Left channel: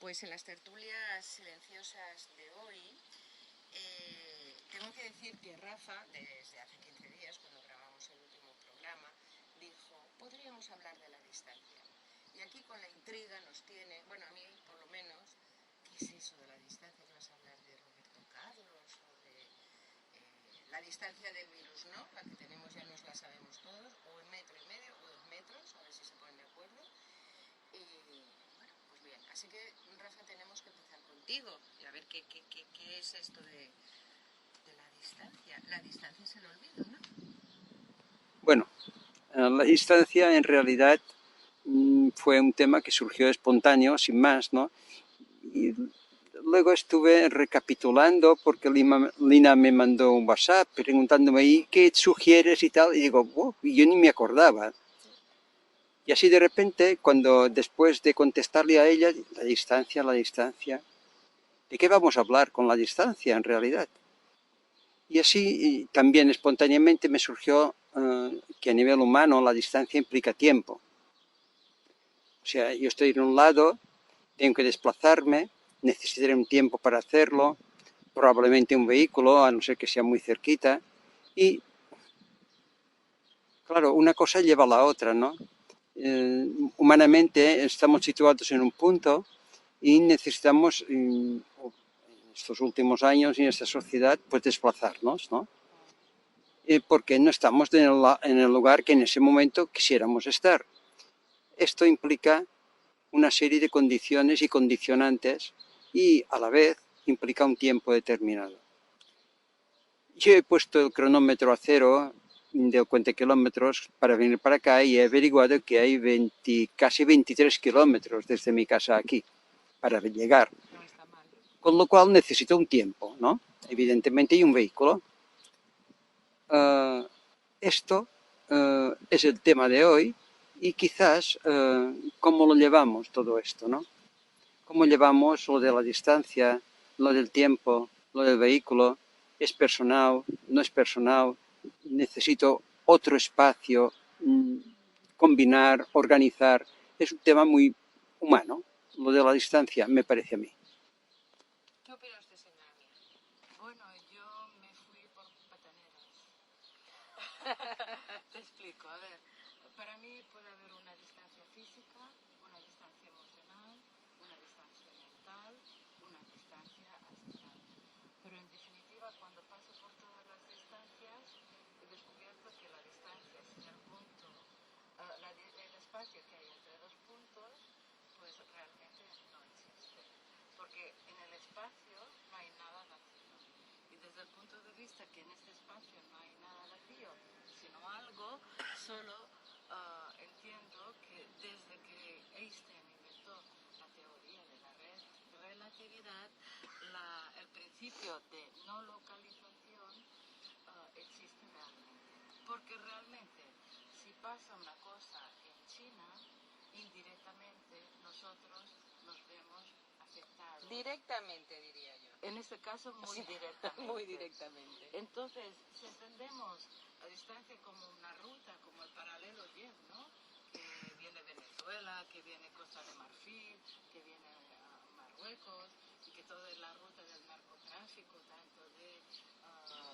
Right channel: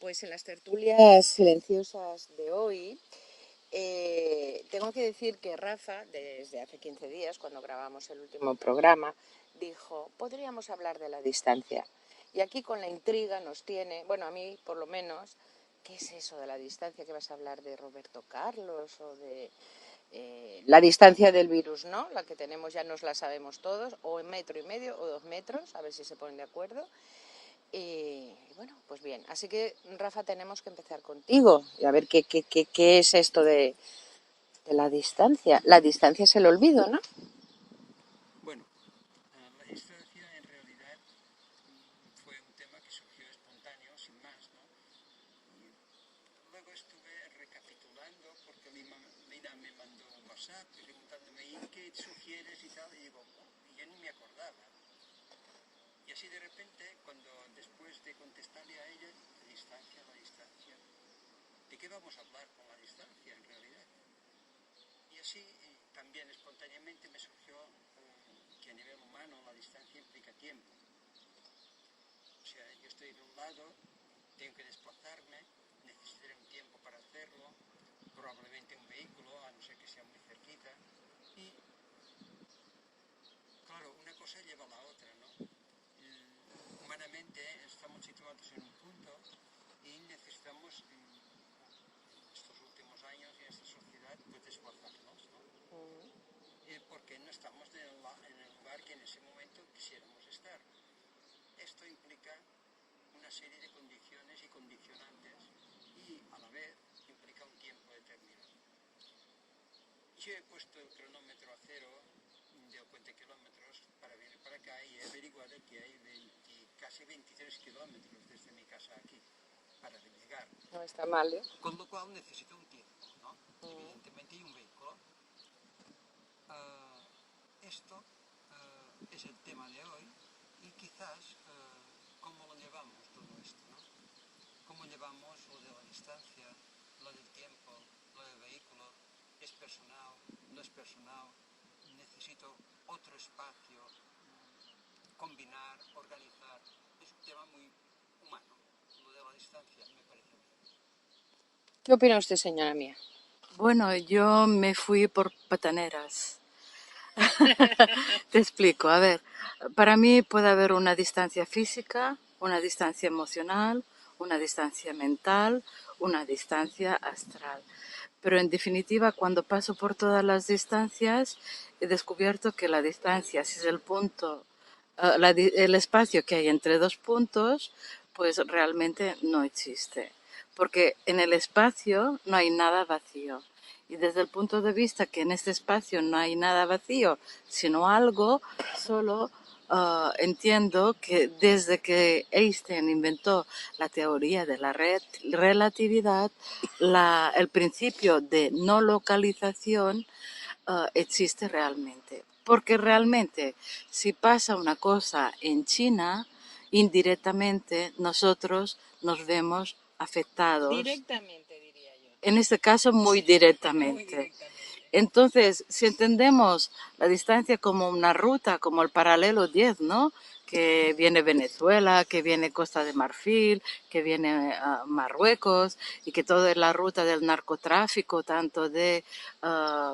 Pues en las tertulias silenciosas de hoy, tengo que decir que Rafa, desde hace 15 días, cuando grabamos el último programa, dijo, podríamos hablar de la distancia. Y aquí con la intriga nos tiene, bueno, a mí por lo menos, ¿qué es eso de la distancia? ¿Que vas a hablar de Roberto Carlos o de la distancia del virus, ¿no? La que tenemos ya nos la sabemos todos, o en 1,5 metros o 2 metros, a ver si se ponen de acuerdo. Y bueno, pues bien, así que Rafa, tenemos que empezar contigo y a ver qué es esto de la distancia. La distancia es el olvido, ¿no? Bueno, la distancia en realidad fue un tema que surgió espontáneo, sin más, ¿no? Y luego estuve recapitulando porque Lina me mandó un WhatsApp preguntándome ahí qué sugieres y tal, y digo, wow, y yo ni me acordaba. Y así de repente, cuando después de contestarle a ella, la distancia, ¿de qué vamos a hablar con la distancia en realidad? Y así también espontáneamente me surgió que a nivel humano la distancia implica tiempo. O sea, yo estoy en un lado, tengo que desplazarme, necesitaré un tiempo para hacerlo, probablemente un vehículo, a no ser que sea muy cerquita. Y claro, una cosa lleva a la otra, ¿no? Humanamente estamos situados en un punto y necesitamos, en estos últimos años y en esta sociedad, pues desplazarnos, ¿no? Porque no estamos en el lugar que en ese momento quisiéramos estar. Esto implica una serie de condiciones y condicionantes y a la vez implica un tiempo determinado. Yo he puesto el cronómetro a cero de 50 kilómetros para venir para acá y he averiguado que hay casi 23 kilómetros desde mi casa aquí para llegar. No está mal, ¿eh? Con lo cual necesito un tiempo, ¿no? Evidentemente y un vehículo. Esto es el tema de hoy y quizás cómo lo llevamos todo esto, ¿no? Cómo llevamos lo de la distancia, lo del tiempo, lo del vehículo, es personal, no es personal, necesito otro espacio, combinar, organizar, es un tema muy humano, lo de la distancia me parece a mí. ¿Qué opina usted, señora mía? Bueno, yo me fui por pataneras. Te explico, a ver, para mí puede haber una distancia física, una distancia emocional, una distancia mental, una distancia astral. Pero en definitiva, cuando paso por todas las distancias, he descubierto que la distancia, si es el punto, el espacio que hay entre dos puntos, pues realmente no existe. Porque en el espacio no hay nada vacío. Y desde el punto de vista que en este espacio no hay nada vacío, sino algo, solo entiendo que desde que Einstein inventó la teoría de la relatividad, el principio de no localización existe realmente. Porque realmente, si pasa una cosa en China, indirectamente nosotros nos vemos afectados. Directamente, diría yo. En este caso, muy Muy directamente. directamente. Entonces, si entendemos la distancia como una ruta, como el paralelo 10, ¿no? Que viene Venezuela, que viene Costa de Marfil, que viene Marruecos, y que toda es la ruta del narcotráfico, tanto de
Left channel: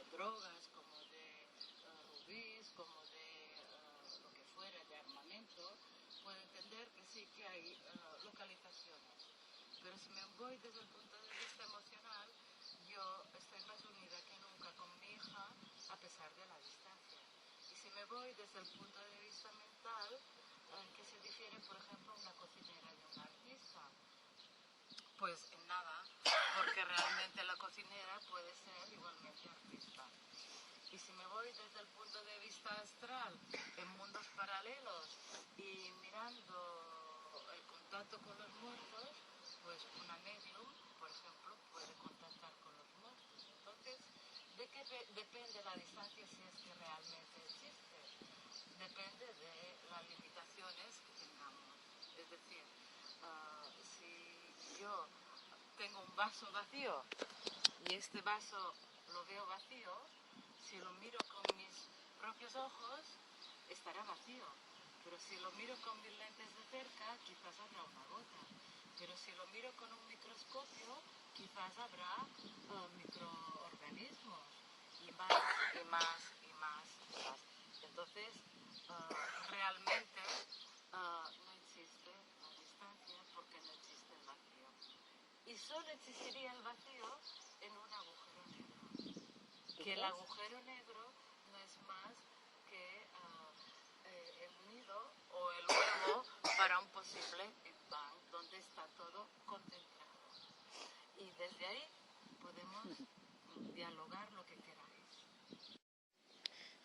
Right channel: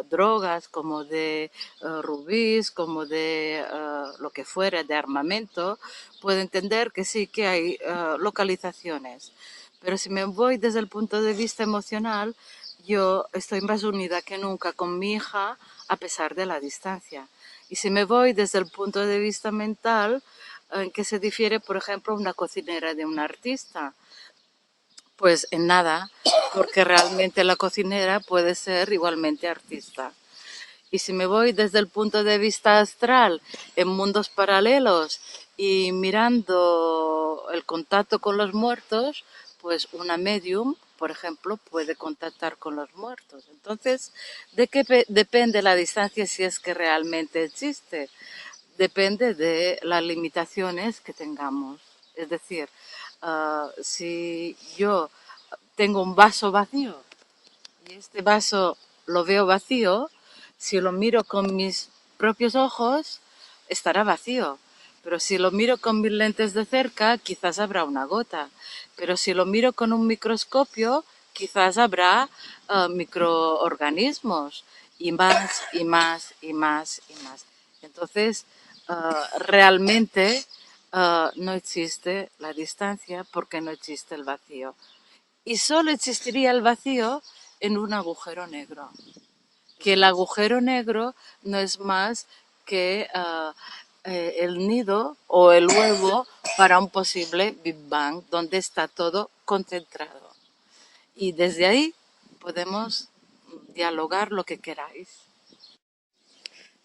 drogas como de rubíes, como de lo que fuera de armamento, puedo entender que sí que hay localizaciones. Pero si me voy desde el punto de vista emocional, yo estoy más unida que nunca con mi hija a pesar de la distancia. Y si me voy desde el punto de vista mental, ¿en qué se difiere, por ejemplo, una cocinera de un artista? Pues en nada, porque realmente la cocinera puede ser igualmente artista. Y si me voy desde el punto de vista astral, en mundos paralelos y mirando el contacto con los muertos, pues una medium, por ejemplo, puede contactar con los muertos. Entonces, ¿de qué depende la distancia si es que realmente existe? Depende de las limitaciones que tengamos. Es decir, si yo tengo un vaso vacío y este vaso lo veo vacío, si lo miro con mis propios ojos, estará vacío. Pero si lo miro con mis lentes de cerca, quizás habrá una gota. Pero si lo miro con un microscopio, quizás habrá microorganismos y más y más y más y más. Entonces, realmente no existe la distancia porque no existe el vacío. Y solo existiría el vacío en un agujero negro. Que el agujero negro no es más que el nido o el huevo para un posible Big Bang, donde está todo concentrado. Y desde ahí podemos dialogar lo que queráis.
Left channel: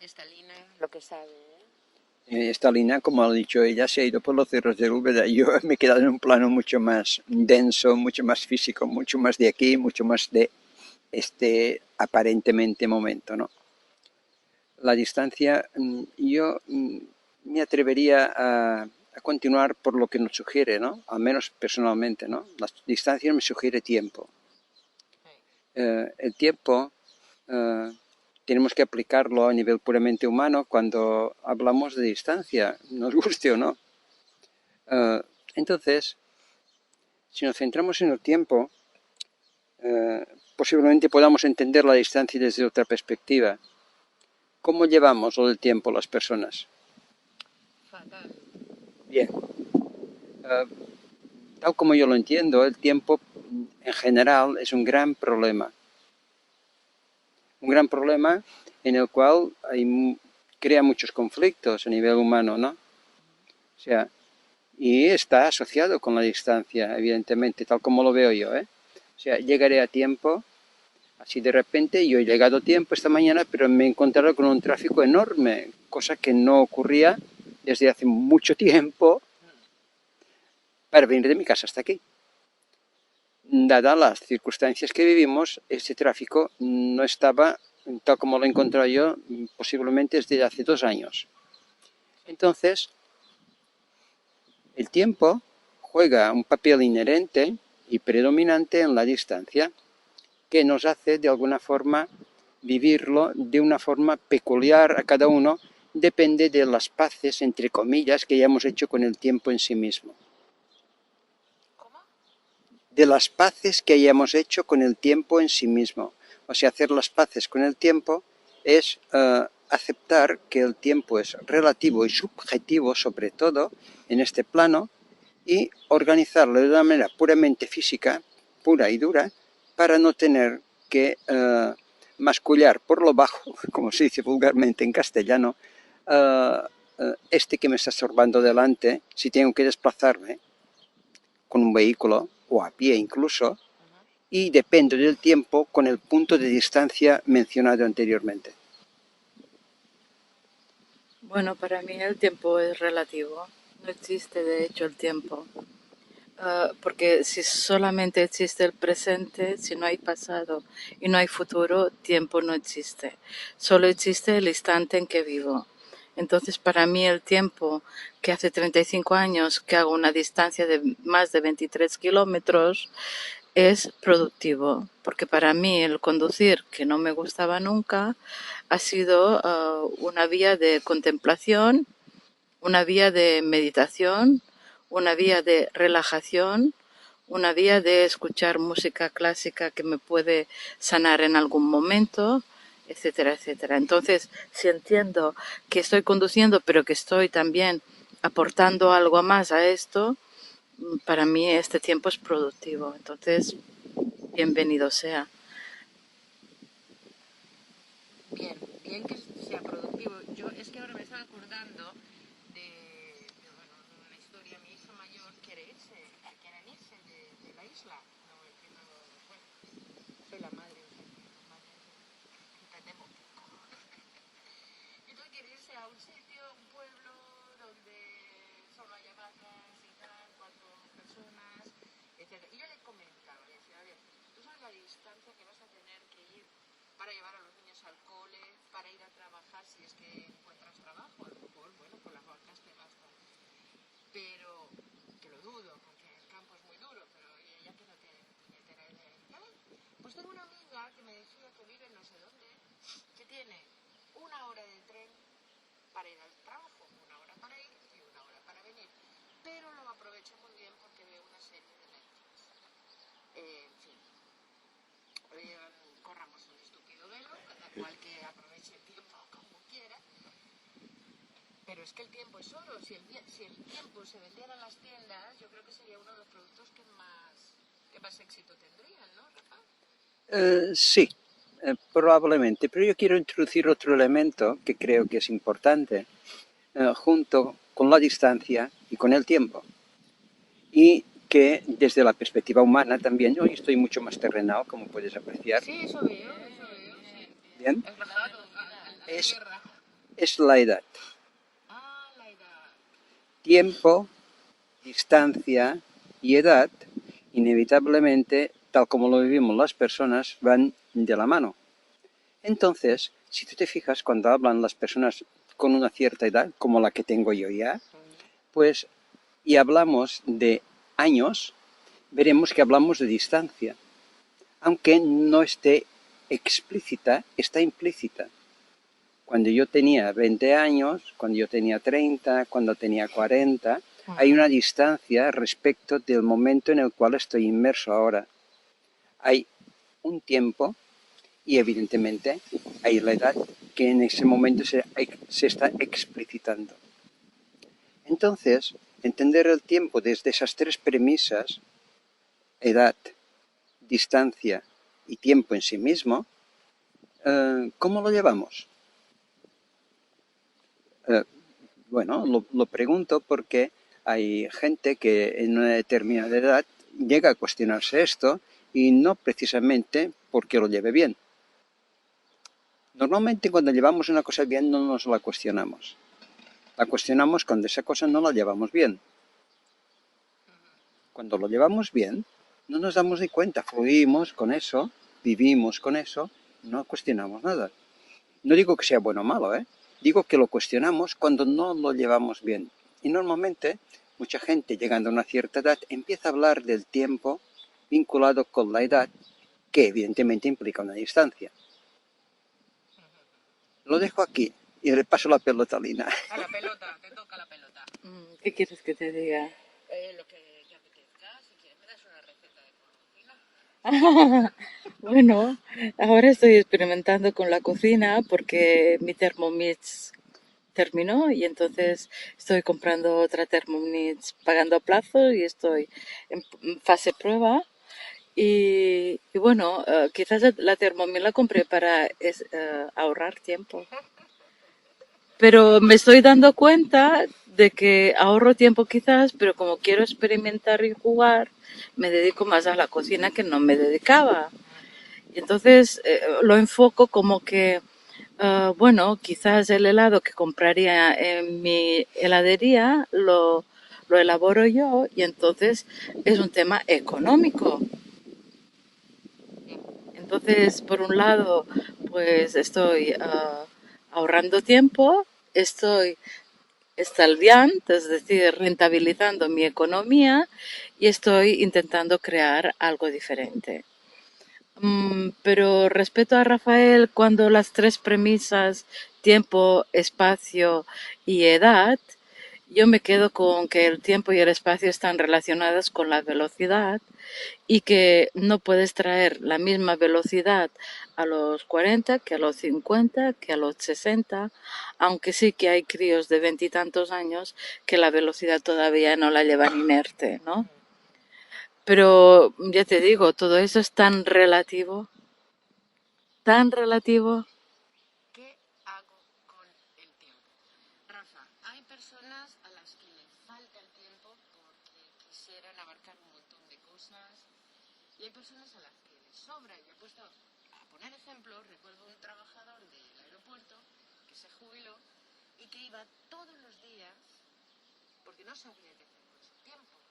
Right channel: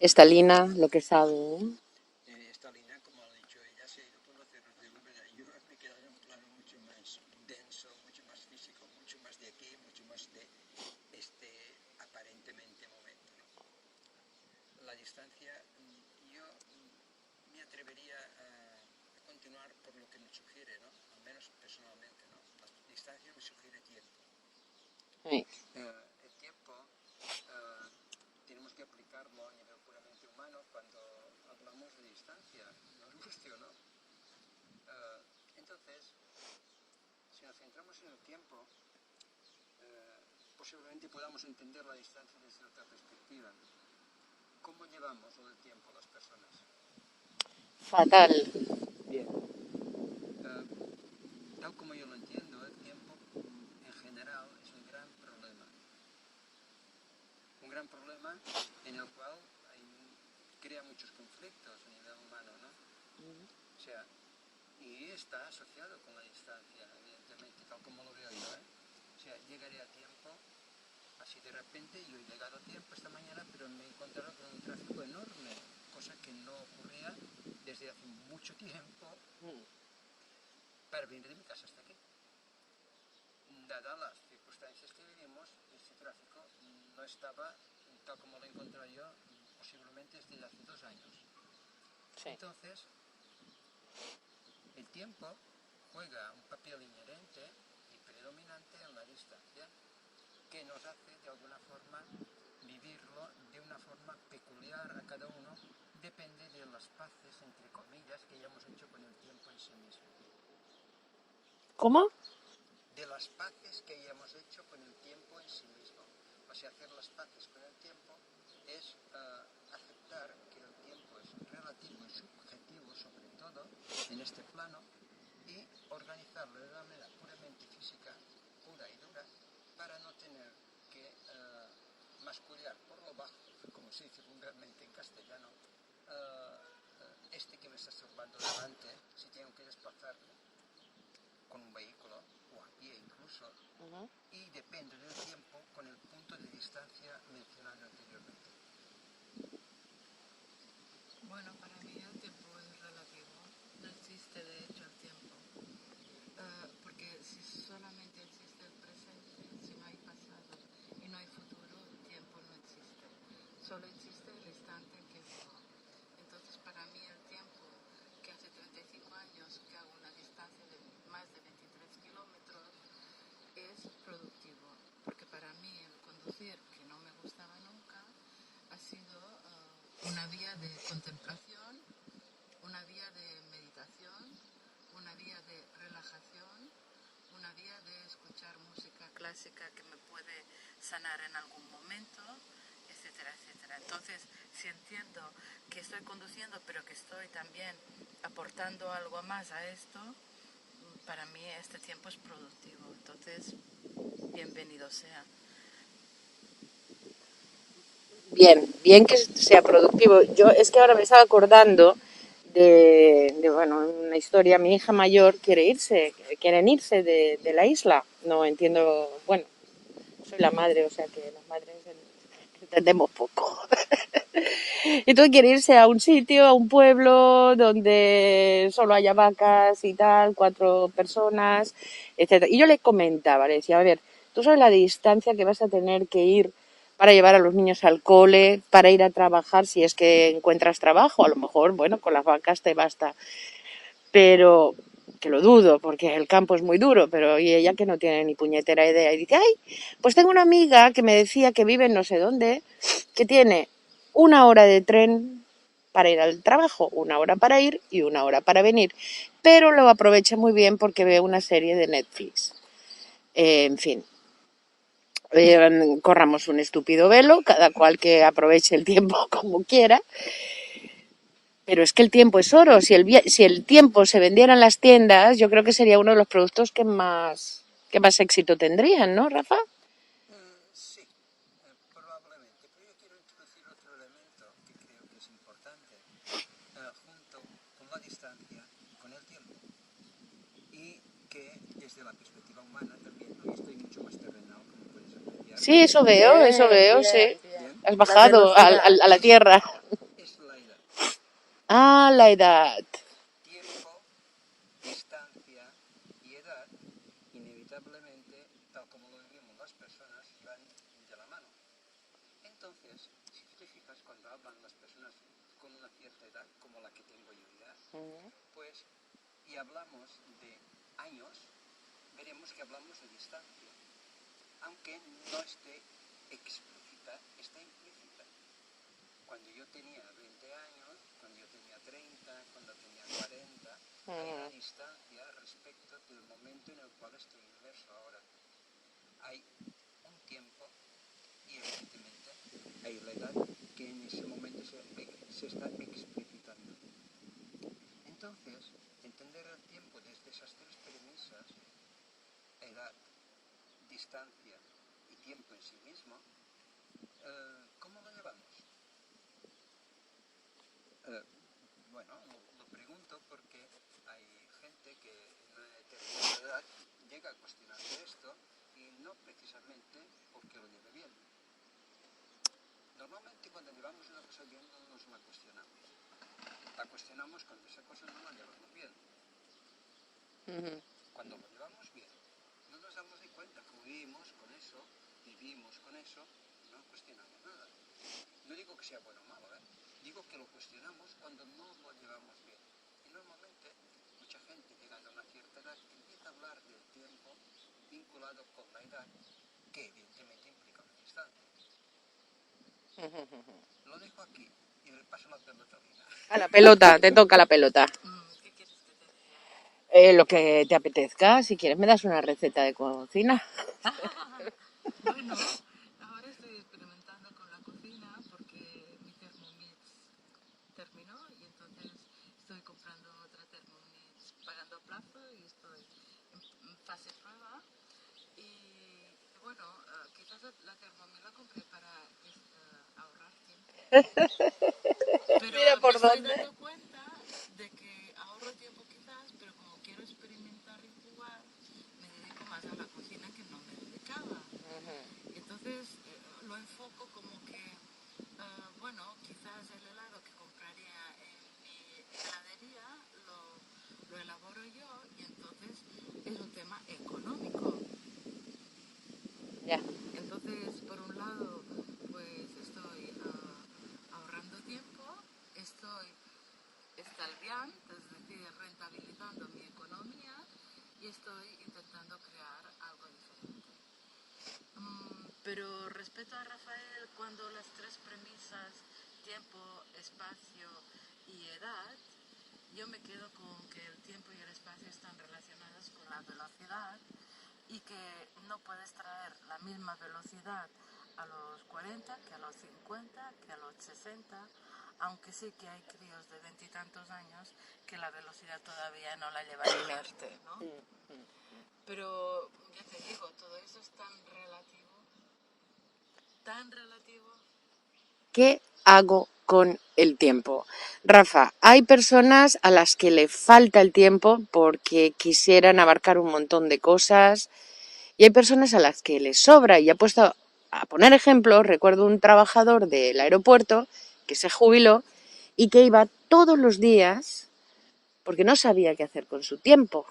Estalina, lo que sabe, ¿eh? Esta línea, como ha dicho ella, se ha ido por los cerros de Úbeda. Yo me he quedado en un plano mucho más denso, mucho más físico, mucho más de aquí, mucho más de este aparentemente momento, ¿no? La distancia, yo me atrevería a continuar por lo que nos sugiere, ¿no? Al menos personalmente, ¿no? La distancia me sugiere tiempo. Sí. El tiempo tenemos que aplicarlo a nivel puramente humano cuando hablamos de distancia, nos guste o no. Entonces, si nos centramos en el tiempo, posiblemente podamos entender la distancia desde otra perspectiva. ¿Cómo llevamos lo del tiempo las personas? Fatal. Bien. Tal como yo lo entiendo, el tiempo en general es un gran problema. Un gran problema en el cual crea muchos conflictos a nivel humano, ¿no? O sea, y está asociado con la distancia, evidentemente, tal como lo veo yo, ¿eh? O sea, llegaré a tiempo, así de repente yo he llegado a tiempo esta mañana, pero me he encontrado con un tráfico enorme, cosa que no ocurría desde hace mucho tiempo para venir de mi casa hasta aquí. Dadas las circunstancias que vivimos, este tráfico no estaba, tal como lo he encontrado yo, posiblemente desde hace 2 años. Entonces, el tiempo juega un papel inherente y predominante en la distancia, que nos hace de alguna forma vivirlo de una forma peculiar a cada uno, depende de las paces, entre comillas, que hayamos hecho con el tiempo en sí mismo. ¿Cómo? De las paces que hayamos hecho con el tiempo en sí mismo. O sea, hacer las paces con el tiempo es aceptar que el tiempo es relativo y subjetivo, sobre todo en este plano, y organizarlo de una manera puramente física, pura y dura, para no tener que mascullar por lo bajo, como se dice vulgarmente en castellano, este que me está estorbando delante, si tengo que desplazarme con un vehículo o a pie incluso, y depende del tiempo con el punto de distancia mencionado anteriormente. Bueno, para mí el tiempo es relativo. No existe de hecho el tiempo. Porque si solamente existe el presente, si no hay pasado y no hay futuro, tiempo no existe. Solo existe el instante en que vivo. Entonces, para mí el tiempo que hace 35 años que hago una distancia de más de 23 kilómetros es productivo, porque para mí el conducir, que no me gustaba nunca, ha sido una vía de contemplación, una vía de meditación, una vía de relajación, una vía de escuchar música clásica que me puede sanar en algún momento, etcétera, etcétera. Entonces, si entiendo que estoy conduciendo, pero que estoy también aportando algo más a esto, para mí este tiempo es productivo. Entonces, bienvenido sea. Bien, bien que sea productivo. Yo es que ahora me estaba acordando bueno, una historia. Mi hija mayor quieren irse de la isla. No entiendo, bueno, soy la madre, o sea que las madres entendemos poco. Entonces quiere irse a un sitio, a un pueblo donde solo haya vacas y tal, 4 personas, etcétera. Y yo le comentaba, le decía, a ver, tú sabes la distancia que vas a tener que ir para llevar a los niños al cole, para ir a trabajar, si es que encuentras trabajo, a lo mejor, bueno, con las vacas te basta, pero que lo dudo, porque el campo es muy duro, pero y ella que no tiene ni puñetera idea, y dice, ay, pues tengo una amiga que me decía que vive en no sé dónde, que tiene 1 hora de tren para ir al trabajo, 1 hora para ir y 1 hora para venir, pero lo aprovecha muy bien porque ve una serie de Netflix. En fin, corramos un estúpido velo, cada cual que aproveche el tiempo como quiera, pero es que el tiempo es oro. Si el tiempo se vendiera en las tiendas, yo creo que sería uno de los productos que más éxito tendrían, ¿no, Rafa? Sí, probablemente, pero yo quiero introducir otro elemento que creo que es importante, junto con la distancia y con el tiempo. Y que desde la perspectiva humana también, hoy estoy mucho más terrenal, como puedes apreciar. Sí, eso veo, sí. Bien, Has bajado a la tierra. es la edad. Ah, la edad. Tiempo, distancia y edad, inevitablemente, tal como lo vivimos las personas, van de la mano. Entonces, si tú te fijas, cuando hablan las personas con una cierta edad, como la que tengo yo ya, pues, y hablamos de años, veremos que hablamos de distancia, aunque no esté explícita, está implícita. Cuando yo tenía 20 años, cuando yo tenía 30, cuando tenía 40, hay una distancia respecto del momento en el cual estoy inmerso ahora. Hay un tiempo y evidentemente hay la edad que en ese momento se está explicitando. Entonces, entender el tiempo desde esas tres premisas, edad, distancia y tiempo en sí mismo, ¿cómo lo llevamos? Bueno, lo pregunto porque hay gente que en una determinada edad llega a cuestionarse esto y no precisamente porque lo lleve bien. Normalmente cuando llevamos una cosa bien no nos la cuestionamos. La cuestionamos cuando esa cosa no la llevamos bien. Cuando lo llevamos bien, no nos damos ni cuenta, fluimos con eso, vivimos con eso, no cuestionamos nada. No digo que sea bueno o malo, digo que lo cuestionamos cuando no lo llevamos bien. Y normalmente mucha gente llegando a una cierta edad empieza a hablar del tiempo vinculado con la edad, que evidentemente implica una distancia. Lo dejo aquí y le paso la pelota a Lina. A la pelota, te toca la pelota. ¿Qué quieres que te diga? Lo que te apetezca, si quieres me das una receta de cocina. Bueno, ahora estoy experimentando con la cocina porque mi Thermomix terminó y entonces estoy comprando otra Thermomix pagando a plazo y estoy en fase prueba. Y bueno, quizás la Thermomix la compré para ahorrar tiempo. Pero me estoy dando cuenta de que ahorro tiempo quizás, pero como quiero experimentar y jugar, me dedico más a la cocina que no me dedicaba. Y entonces lo enfoco como que, bueno, quizás el helado que compraría en mi heladería lo elaboro yo y entonces es un tema económico. Ya. Entonces, por un lado, pues estoy ahorrando tiempo, estoy estalviando, es decir, rentabilizando mi economía y estoy intentando crear algo diferente. Pero respeto a Rafael cuando las tres premisas, tiempo, espacio y edad, yo me quedo con que el tiempo y el espacio están relacionados con la velocidad y que no puedes traer la misma velocidad a los 40 que a los 50, que a los 60, aunque sí que hay críos de veintitantos años que la velocidad todavía no la llevan inerte, ¿no? Pero ya te digo, todo eso es tan relativo, tan relativo. ¿Qué hago con el tiempo? Rafa, hay personas a las que le falta el tiempo porque quisieran abarcar un montón de cosas y hay personas a las que les sobra. Y he puesto a poner ejemplos, recuerdo un trabajador del aeropuerto que se jubiló y que iba todos los días porque no sabía qué hacer con su tiempo.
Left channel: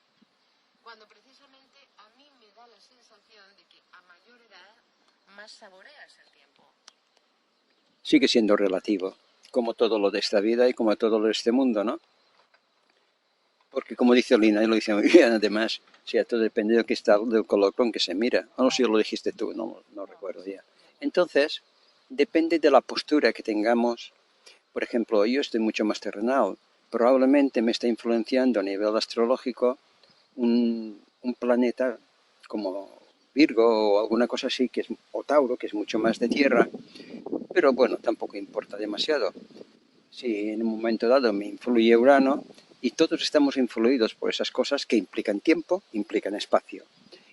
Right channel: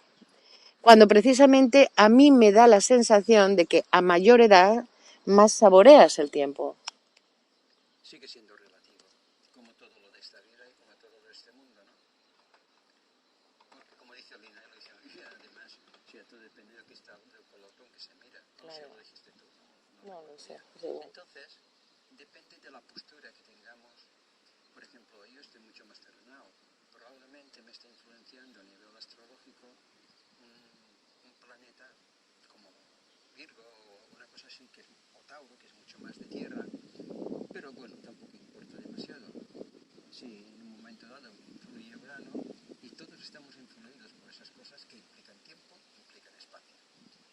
Cuando precisamente a mí me da la sensación de que a mayor edad más saboreas el tiempo. Sigue siendo relativo, como todo lo de esta vida y como todo lo de este mundo, ¿no? Porque como dice Lina, y lo dice muy bien además, o sea, todo depende de que está, del color con que se mira. O no sé si lo dijiste tú, no recuerdo ya. Entonces, depende de la postura que tengamos Por ejemplo, yo estoy mucho más terrenal. Probablemente me está influenciando a nivel astrológico un planeta como Virgo o alguna cosa así, o Tauro, que es mucho más de tierra, pero bueno, tampoco importa demasiado. Si en un momento dado me influye Urano, y todos estamos influidos por esas cosas que implican tiempo, implican espacio,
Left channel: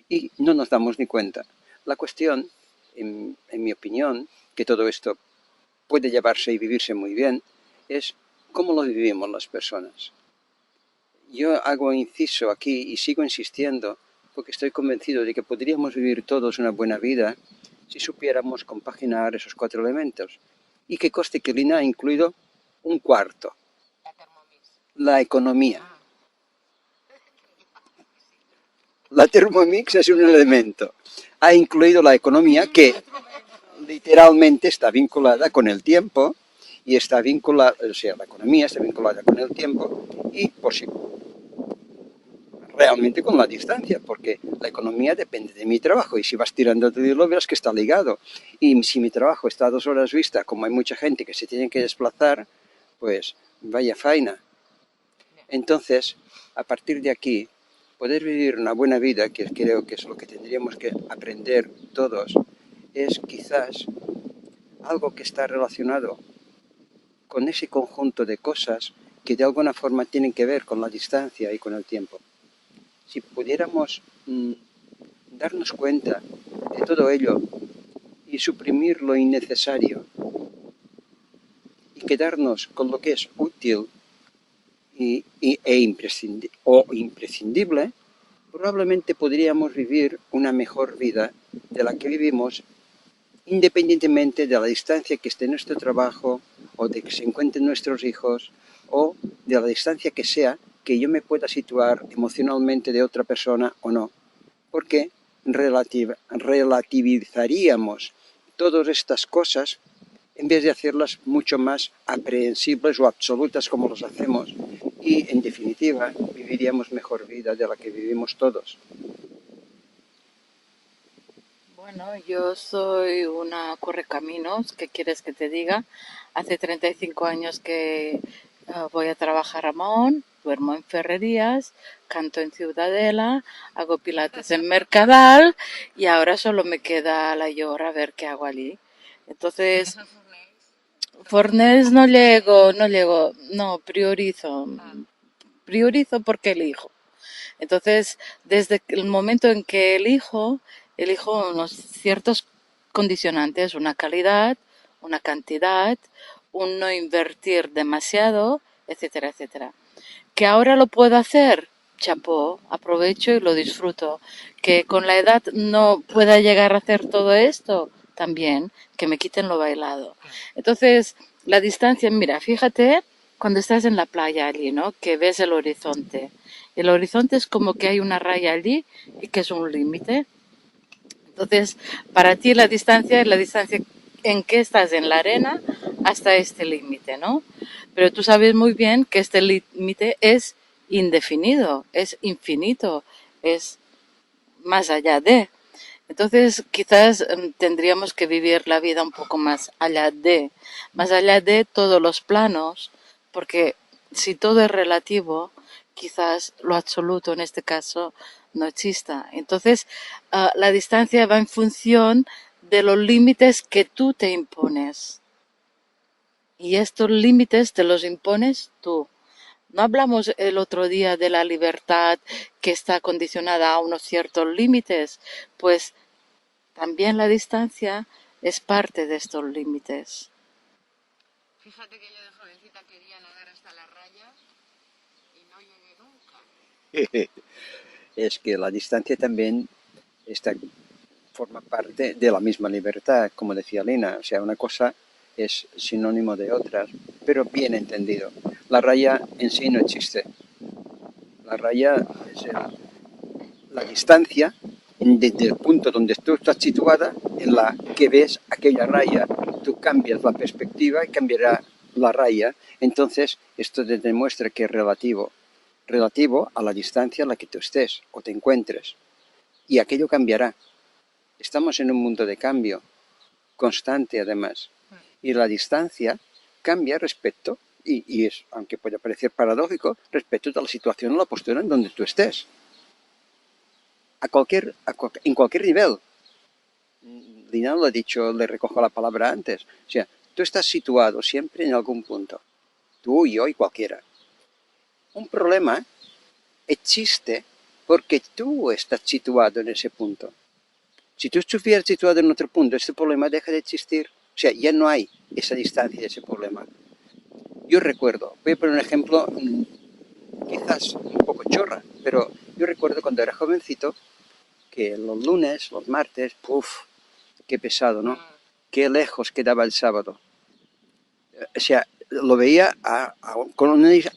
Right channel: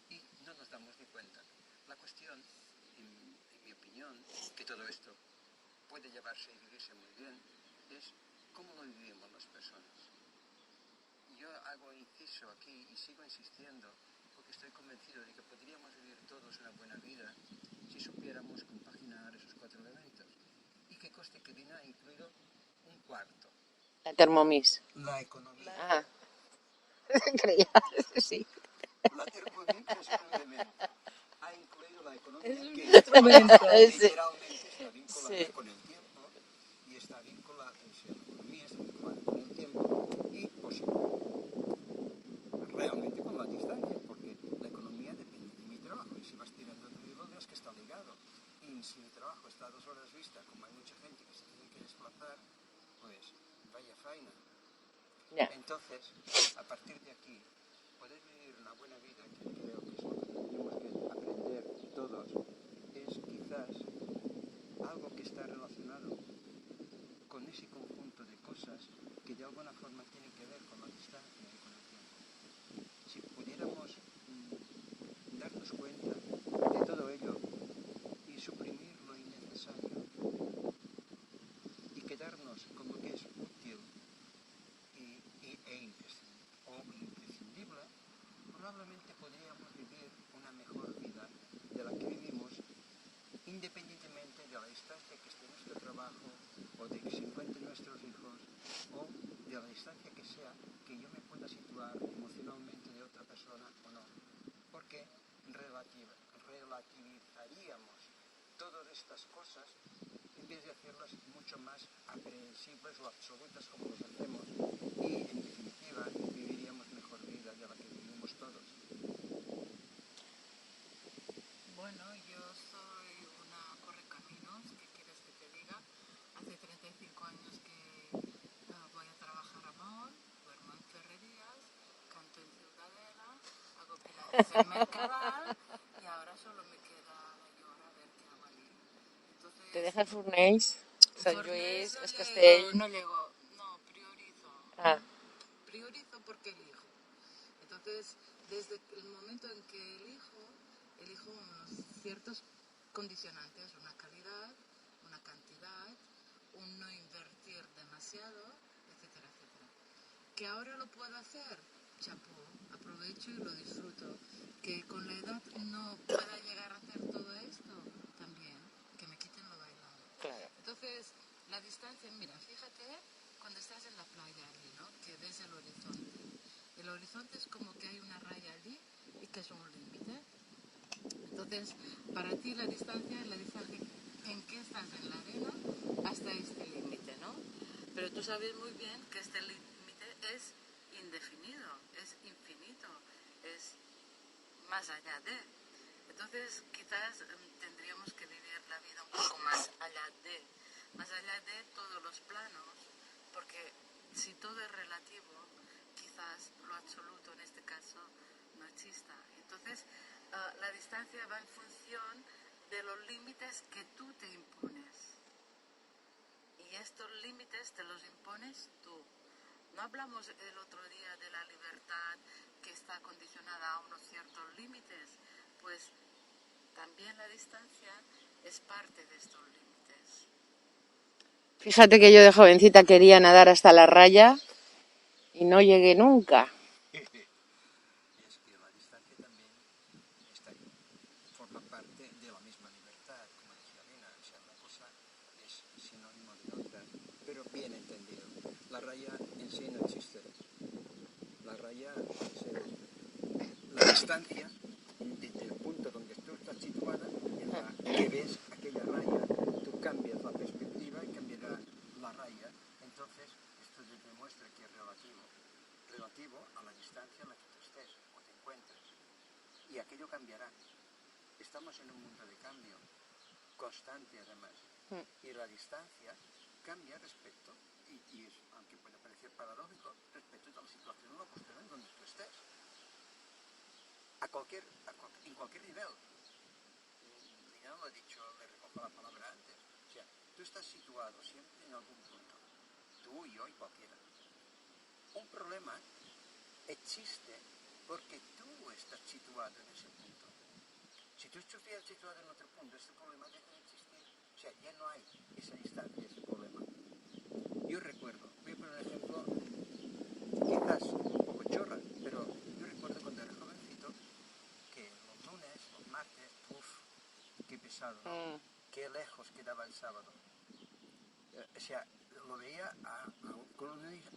y no nos damos ni cuenta. La cuestión, en mi opinión, que todo esto puede llevarse y vivirse muy bien, es cómo lo vivimos las personas. Yo hago inciso aquí y sigo insistiendo porque estoy convencido de que podríamos vivir todos una buena vida si supiéramos compaginar esos 4 elementos. Y que conste que Lina ha incluido un cuarto, La Thermomix. la economía. Ah, creía, sí. La Thermomix es un elemento. Ha incluido la economía que literalmente está vinculada con el tiempo y está vinculada, o sea, la economía está vinculada con el tiempo y por si realmente con la distancia, porque la economía depende de mi trabajo y si vas tirando de hilo verás que está ligado. Y si mi trabajo está a 2 horas vista, como hay mucha gente que se tiene que desplazar, pues vaya faena. Entonces, a partir de aquí, poder vivir una buena vida, que creo que es lo que tendríamos que aprender todos, es quizás algo que está relacionado con ese conjunto de cosas que de alguna forma tienen que ver con la distancia y con el tiempo. Si pudiéramos darnos cuenta de todo ello y suprimir lo innecesario y quedarnos con lo que es útil imprescindible, probablemente podríamos vivir una mejor vida de la que vivimos independientemente de la distancia que esté nuestro trabajo o de que se encuentren nuestros hijos o de la distancia que sea que yo me pueda situar emocionalmente de otra persona o no, porque relativizaríamos todas estas cosas en vez de hacerlas mucho más aprehensibles o absolutas como los hacemos y en definitiva viviríamos mejor vida de la que vivimos todos. Bueno, yo soy una correcaminos, ¿qué quieres que te diga? Hace 35 años que voy a trabajar a Mahón, duermo en Ferrerías, canto en Ciudadela, hago pilates en Mercadal y ahora solo me queda la Llora a ver qué hago allí. ¿Vienes Entonces, al Fornells? O sea, Fornés no sí. llego, no, Ah, priorizo porque elijo. Entonces, desde el momento en que elijo unos ciertos condicionantes, una calidad, una cantidad, un no invertir demasiado, etcétera, etcétera. Que ahora lo puedo hacer, chapó, aprovecho y lo disfruto. Que con la edad no pueda llegar a hacer todo esto, también, que me quiten lo bailado. Entonces, la distancia, mira, fíjate cuando estás en la playa allí, ¿no? Que ves el horizonte. El horizonte es como que hay una raya allí y que es un límite. Entonces, para ti la distancia es la distancia en que estás en la arena hasta este límite, ¿no? Pero tú sabes muy bien que este límite es indefinido, es infinito, es más allá de. Entonces, quizás tendríamos que vivir la vida un poco más allá de todos los planos, porque si todo es relativo, quizás lo absoluto en este caso no exista. Entonces, la distancia va en función de los límites que tú te impones. Y estos límites te los impones tú. No hablamos el otro día de la libertad que está condicionada a unos ciertos límites, pues también la distancia es parte de estos límites. fíjate que yo de jovencita quería nadar hasta la raya y no llegué nunca. Es que la distancia también forma parte de la misma libertad, como decía Lina. O sea, una cosa es sinónimo de otras, pero bien entendido. La raya en sí no existe. La raya es la distancia desde el punto donde tú estás situada en la que ves aquella raya. Tú cambias la perspectiva y cambiará la raya. Entonces, esto te demuestra que es relativo a la distancia a la que tú estés o te encuentres. Y aquello cambiará. Estamos en un mundo de cambio, constante además. Y la distancia cambia respecto, y es, aunque pueda parecer paradójico, respecto de la situación o la postura en donde tú estés. En cualquier nivel. Lina lo ha dicho, le recojo la palabra antes. O sea, tú estás situado siempre en algún punto. Tú, yo y cualquiera. Un problema existe porque tú estás situado en ese punto. Si tú estuvieras situado en otro punto, este problema deja de existir. O sea, ya no hay esa distancia de ese problema. Yo recuerdo, voy a poner un ejemplo quizás un poco chorra, pero yo recuerdo cuando era jovencito que los lunes, los martes, qué pesado, ¿no? Qué lejos quedaba el sábado. O sea, lo veía a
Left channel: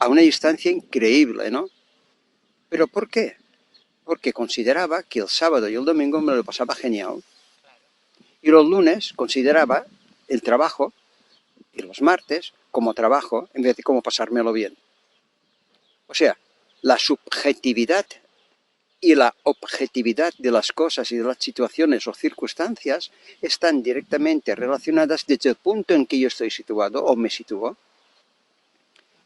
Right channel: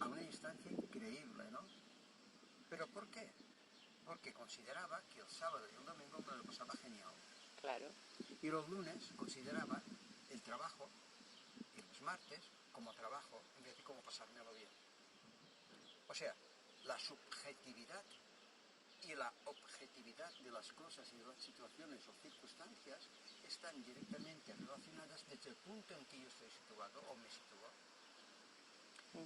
una distancia increíble, ¿no? ¿Pero por qué? Porque consideraba que el sábado y el domingo me lo pasaba genial. Claro. Y los lunes consideraba el trabajo y los martes como trabajo en vez de como pasármelo bien. O sea, la subjetividad y la objetividad de las cosas y de las situaciones o circunstancias están directamente relacionadas desde el punto en que yo estoy situado o me sitúo.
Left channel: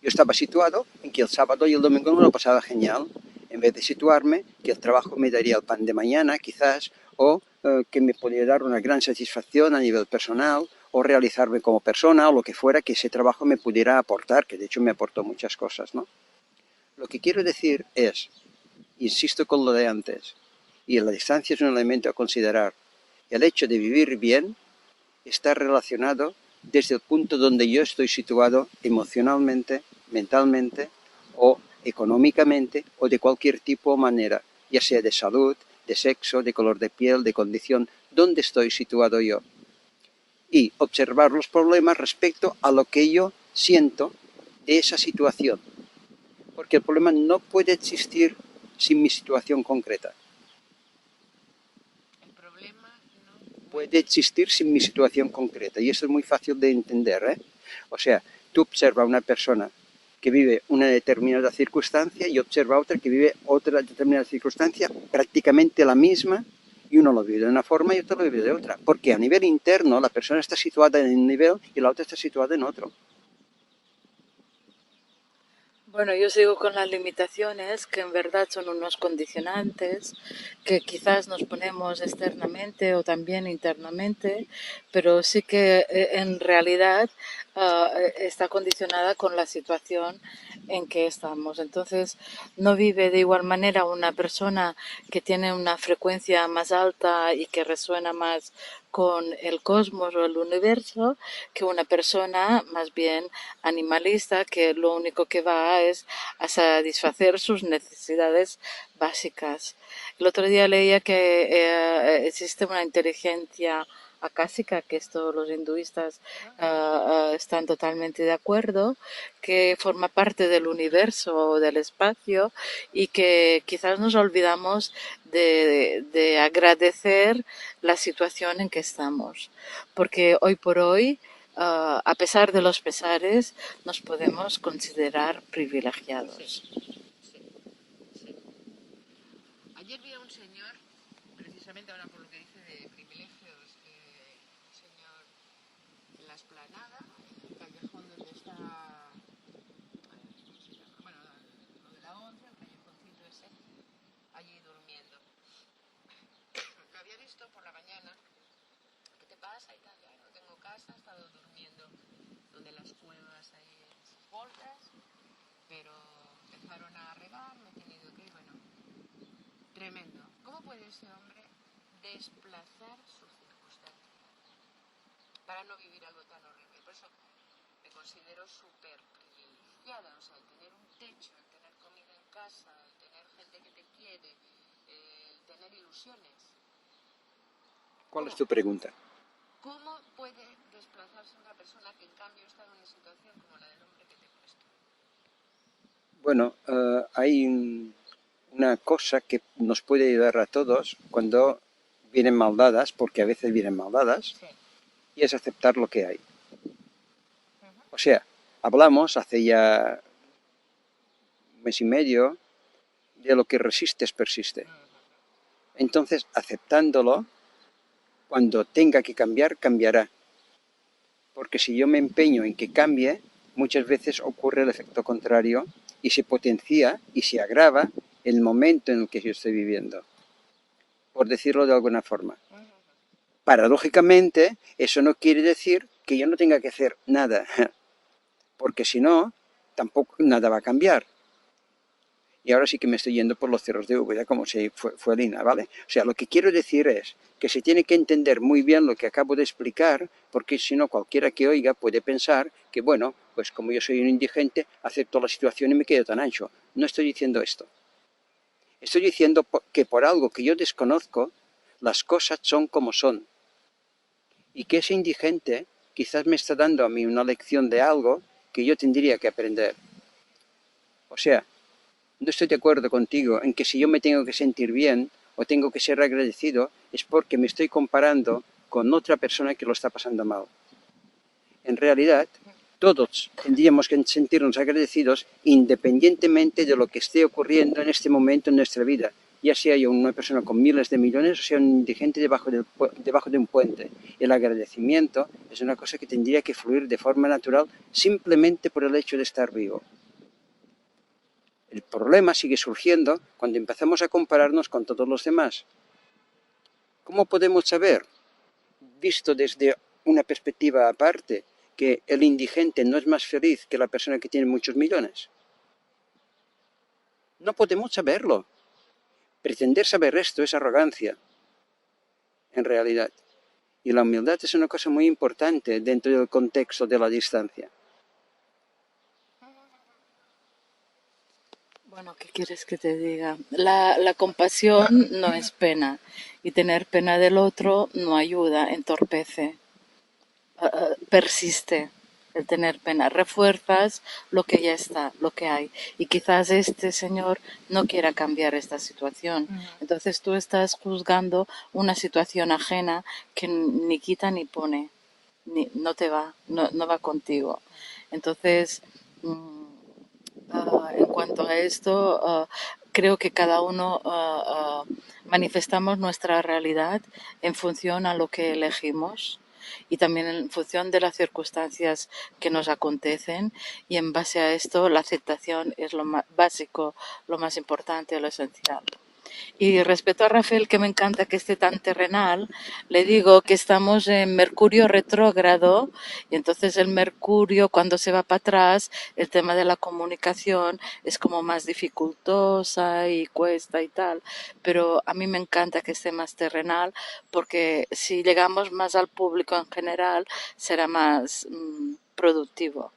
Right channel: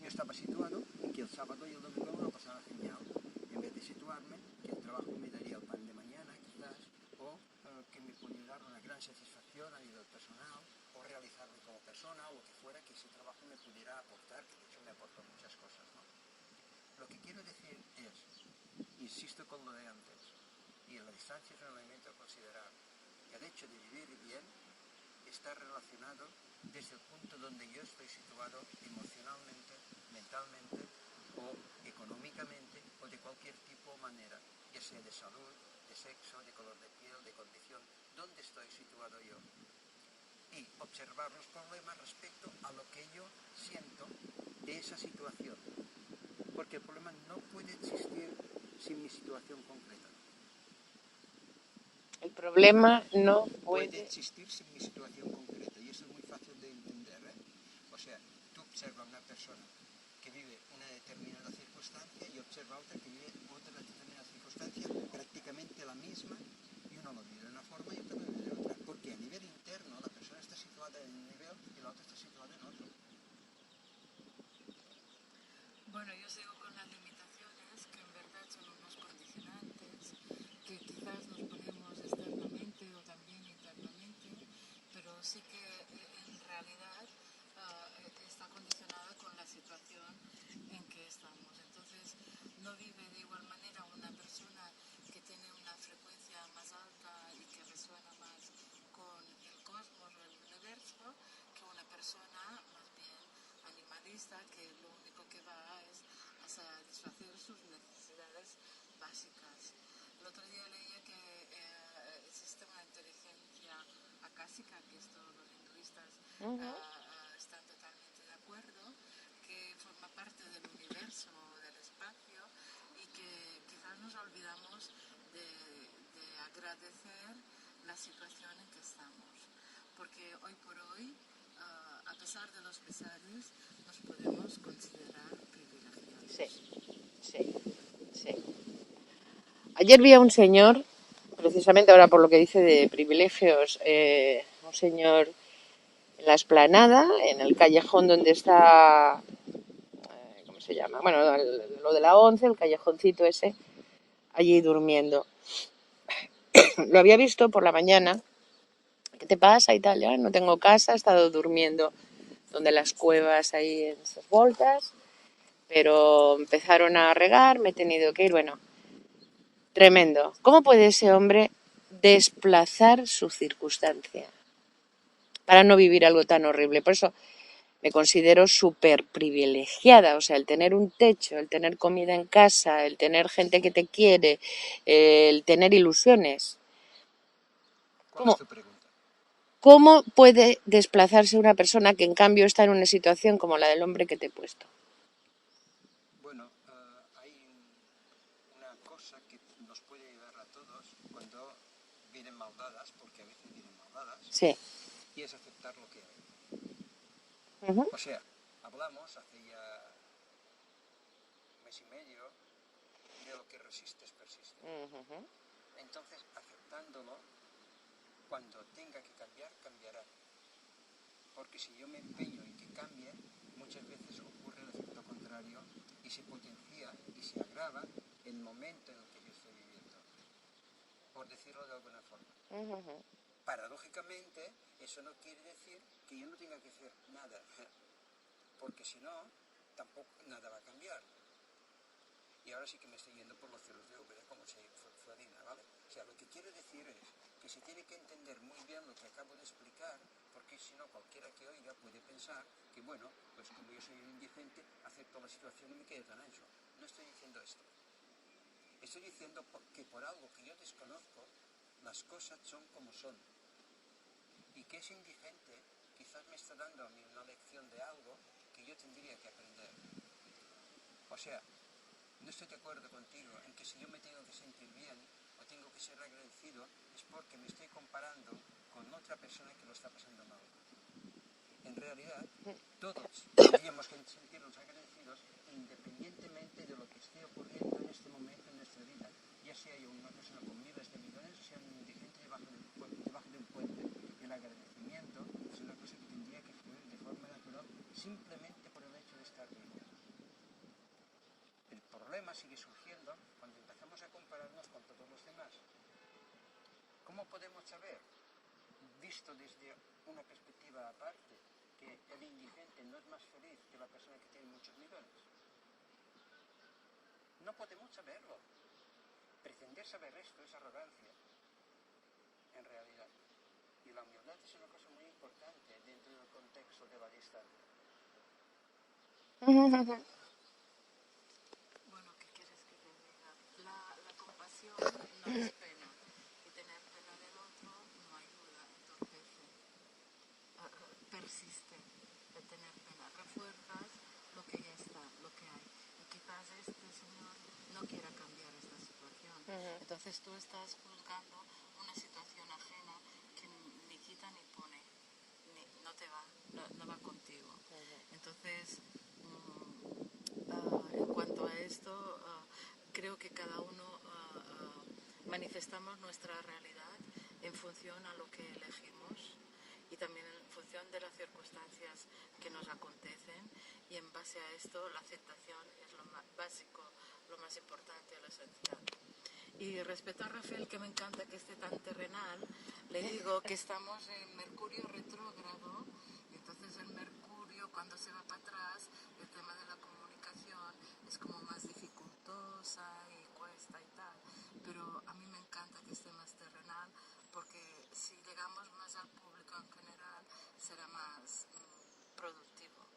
Yo estaba situado en que el sábado y el domingo me lo pasaba genial, en vez de situarme que el trabajo me daría el pan de mañana, quizás, o que me podría dar una gran satisfacción a nivel personal, o realizarme como persona, o lo que fuera que ese trabajo me pudiera aportar, que de hecho me aportó muchas cosas, ¿no? Lo que quiero decir es, insisto con lo de antes, y la distancia es un elemento a considerar, el hecho de vivir bien está relacionado desde el punto donde yo estoy situado emocionalmente, mentalmente o económicamente o de cualquier tipo o manera, ya sea de salud, de sexo, de color de piel, de condición, ¿dónde estoy situado yo? Y observar los problemas respecto a lo que yo siento de esa situación, porque el problema no puede existir sin mi situación concreta. El problema no Puede existir sin mi situación concreta, y eso es muy fácil de entender, ¿eh? O sea, tú observas a una persona que vive una determinada circunstancia y observa a otra que vive otra determinada circunstancia, prácticamente la misma, y uno lo vive de una forma y otro lo vive de otra, porque a nivel interno la persona está situada en un nivel y la otra está situada en otro. Bueno, yo sigo con las limitaciones, que en verdad son unos condicionantes que quizás nos ponemos externamente o también internamente, pero sí que en realidad está condicionada con la situación en que estamos. Entonces, no vive de igual manera una persona que tiene una frecuencia más alta y que resuena más con el cosmos o el universo que una persona más bien animalista que lo único que va es a satisfacer sus necesidades básicas. El otro día leía que existe una inteligencia acásica, que esto los hinduistas están totalmente de acuerdo, que forma parte del universo o del espacio y que quizás nos olvidamos de agradecer la situación en que estamos, porque hoy por hoy a pesar de los pesares, nos podemos considerar privilegiados. Sí, sí. Ayer vi a un señor, precisamente ahora por lo que dice de privilegios, un señor en la explanada, en el callejón donde está, ¿cómo se llama? Bueno, lo de la 11, el callejoncito ese, allí durmiendo. Lo había visto por la mañana. ¿Qué te pasa y tal? Ya no tengo casa, he estado durmiendo donde las cuevas ahí en sus voltas, pero empezaron a regar, me he tenido que ir, bueno, tremendo. ¿Cómo puede ese hombre desplazar su circunstancia para no vivir algo tan horrible? Por eso me considero súper privilegiada, o sea, el tener un techo, el tener comida en casa, el tener gente que te quiere, el tener ilusiones. ¿Cuál es tu pregunta? ¿Cómo puede desplazarse una persona que en cambio está en una situación como la del hombre que te he puesto? Bueno, hay una cosa que nos puede ayudar a todos cuando vienen mal dadas, porque a veces vienen mal dadas, Sí. y es aceptar lo que hay. Uh-huh. O sea, hablamos hace ya un mes y medio de lo que resistes persiste. Uh-huh. Entonces, aceptándolo, cuando tenga que cambiar, cambiará. porque si yo me empeño en que cambie, muchas veces ocurre el efecto contrario y se potencia y se agrava el momento en el que yo estoy viviendo, por decirlo de alguna forma. Paradójicamente, eso no quiere decir que yo no tenga que hacer nada, porque si no, tampoco nada va a cambiar. Y ahora sí que me estoy yendo por los cerros de Úbeda, como si fue Lina, ¿vale? O sea, lo que quiero decir es que se tiene que entender muy bien lo que acabo de explicar, porque si no, cualquiera que oiga puede pensar que, bueno, pues como yo soy un indigente, acepto la situación y me quedo tan ancho. No estoy diciendo esto. Estoy diciendo que por algo que yo desconozco, las cosas son como son. Y que ese indigente quizás me está dando a mí una lección de algo que yo tendría que aprender. O sea, no estoy de acuerdo contigo en que si yo me tengo que sentir bien o tengo que ser agradecido es porque me estoy comparando con otra persona que lo está pasando mal. En realidad, todos tendríamos que sentirnos agradecidos independientemente de lo que esté ocurriendo en este momento en nuestra vida, ya sea yo una persona con miles de millones o sea un indigente debajo de un puente. El agradecimiento es una cosa que tendría que fluir de forma natural simplemente por el hecho de estar vivo. El problema sigue surgiendo cuando empezamos a compararnos con todos los demás. ¿Cómo podemos saber, visto desde una perspectiva aparte, que el indigente no es más feliz que la persona que tiene muchos millones? No podemos saberlo. Pretender saber esto es arrogancia, en realidad. Y la humildad es una cosa muy importante dentro del contexto de la distancia. Bueno, ¿qué quieres que te diga? La compasión no es pena y tener pena del otro no ayuda, entorpece, persiste el tener pena, refuerzas lo que ya está, lo que hay. Y quizás este señor no quiera cambiar esta situación. Entonces tú estás juzgando una situación ajena que ni quita ni pone, no te va, no va contigo. Entonces, en cuanto a esto, creo que cada uno manifestamos nuestra realidad en función a lo que elegimos y también en función de las circunstancias que nos acontecen, y en base a esto la aceptación es lo más básico, lo más importante, lo esencial. Y respecto a Rafael, que me encanta que esté tan terrenal, le digo que estamos en Mercurio retrógrado y entonces el Mercurio cuando se va para atrás, el tema de la comunicación es como más dificultosa y cuesta y tal, pero a mí me encanta que esté más terrenal porque si llegamos más al público en general será más productivo.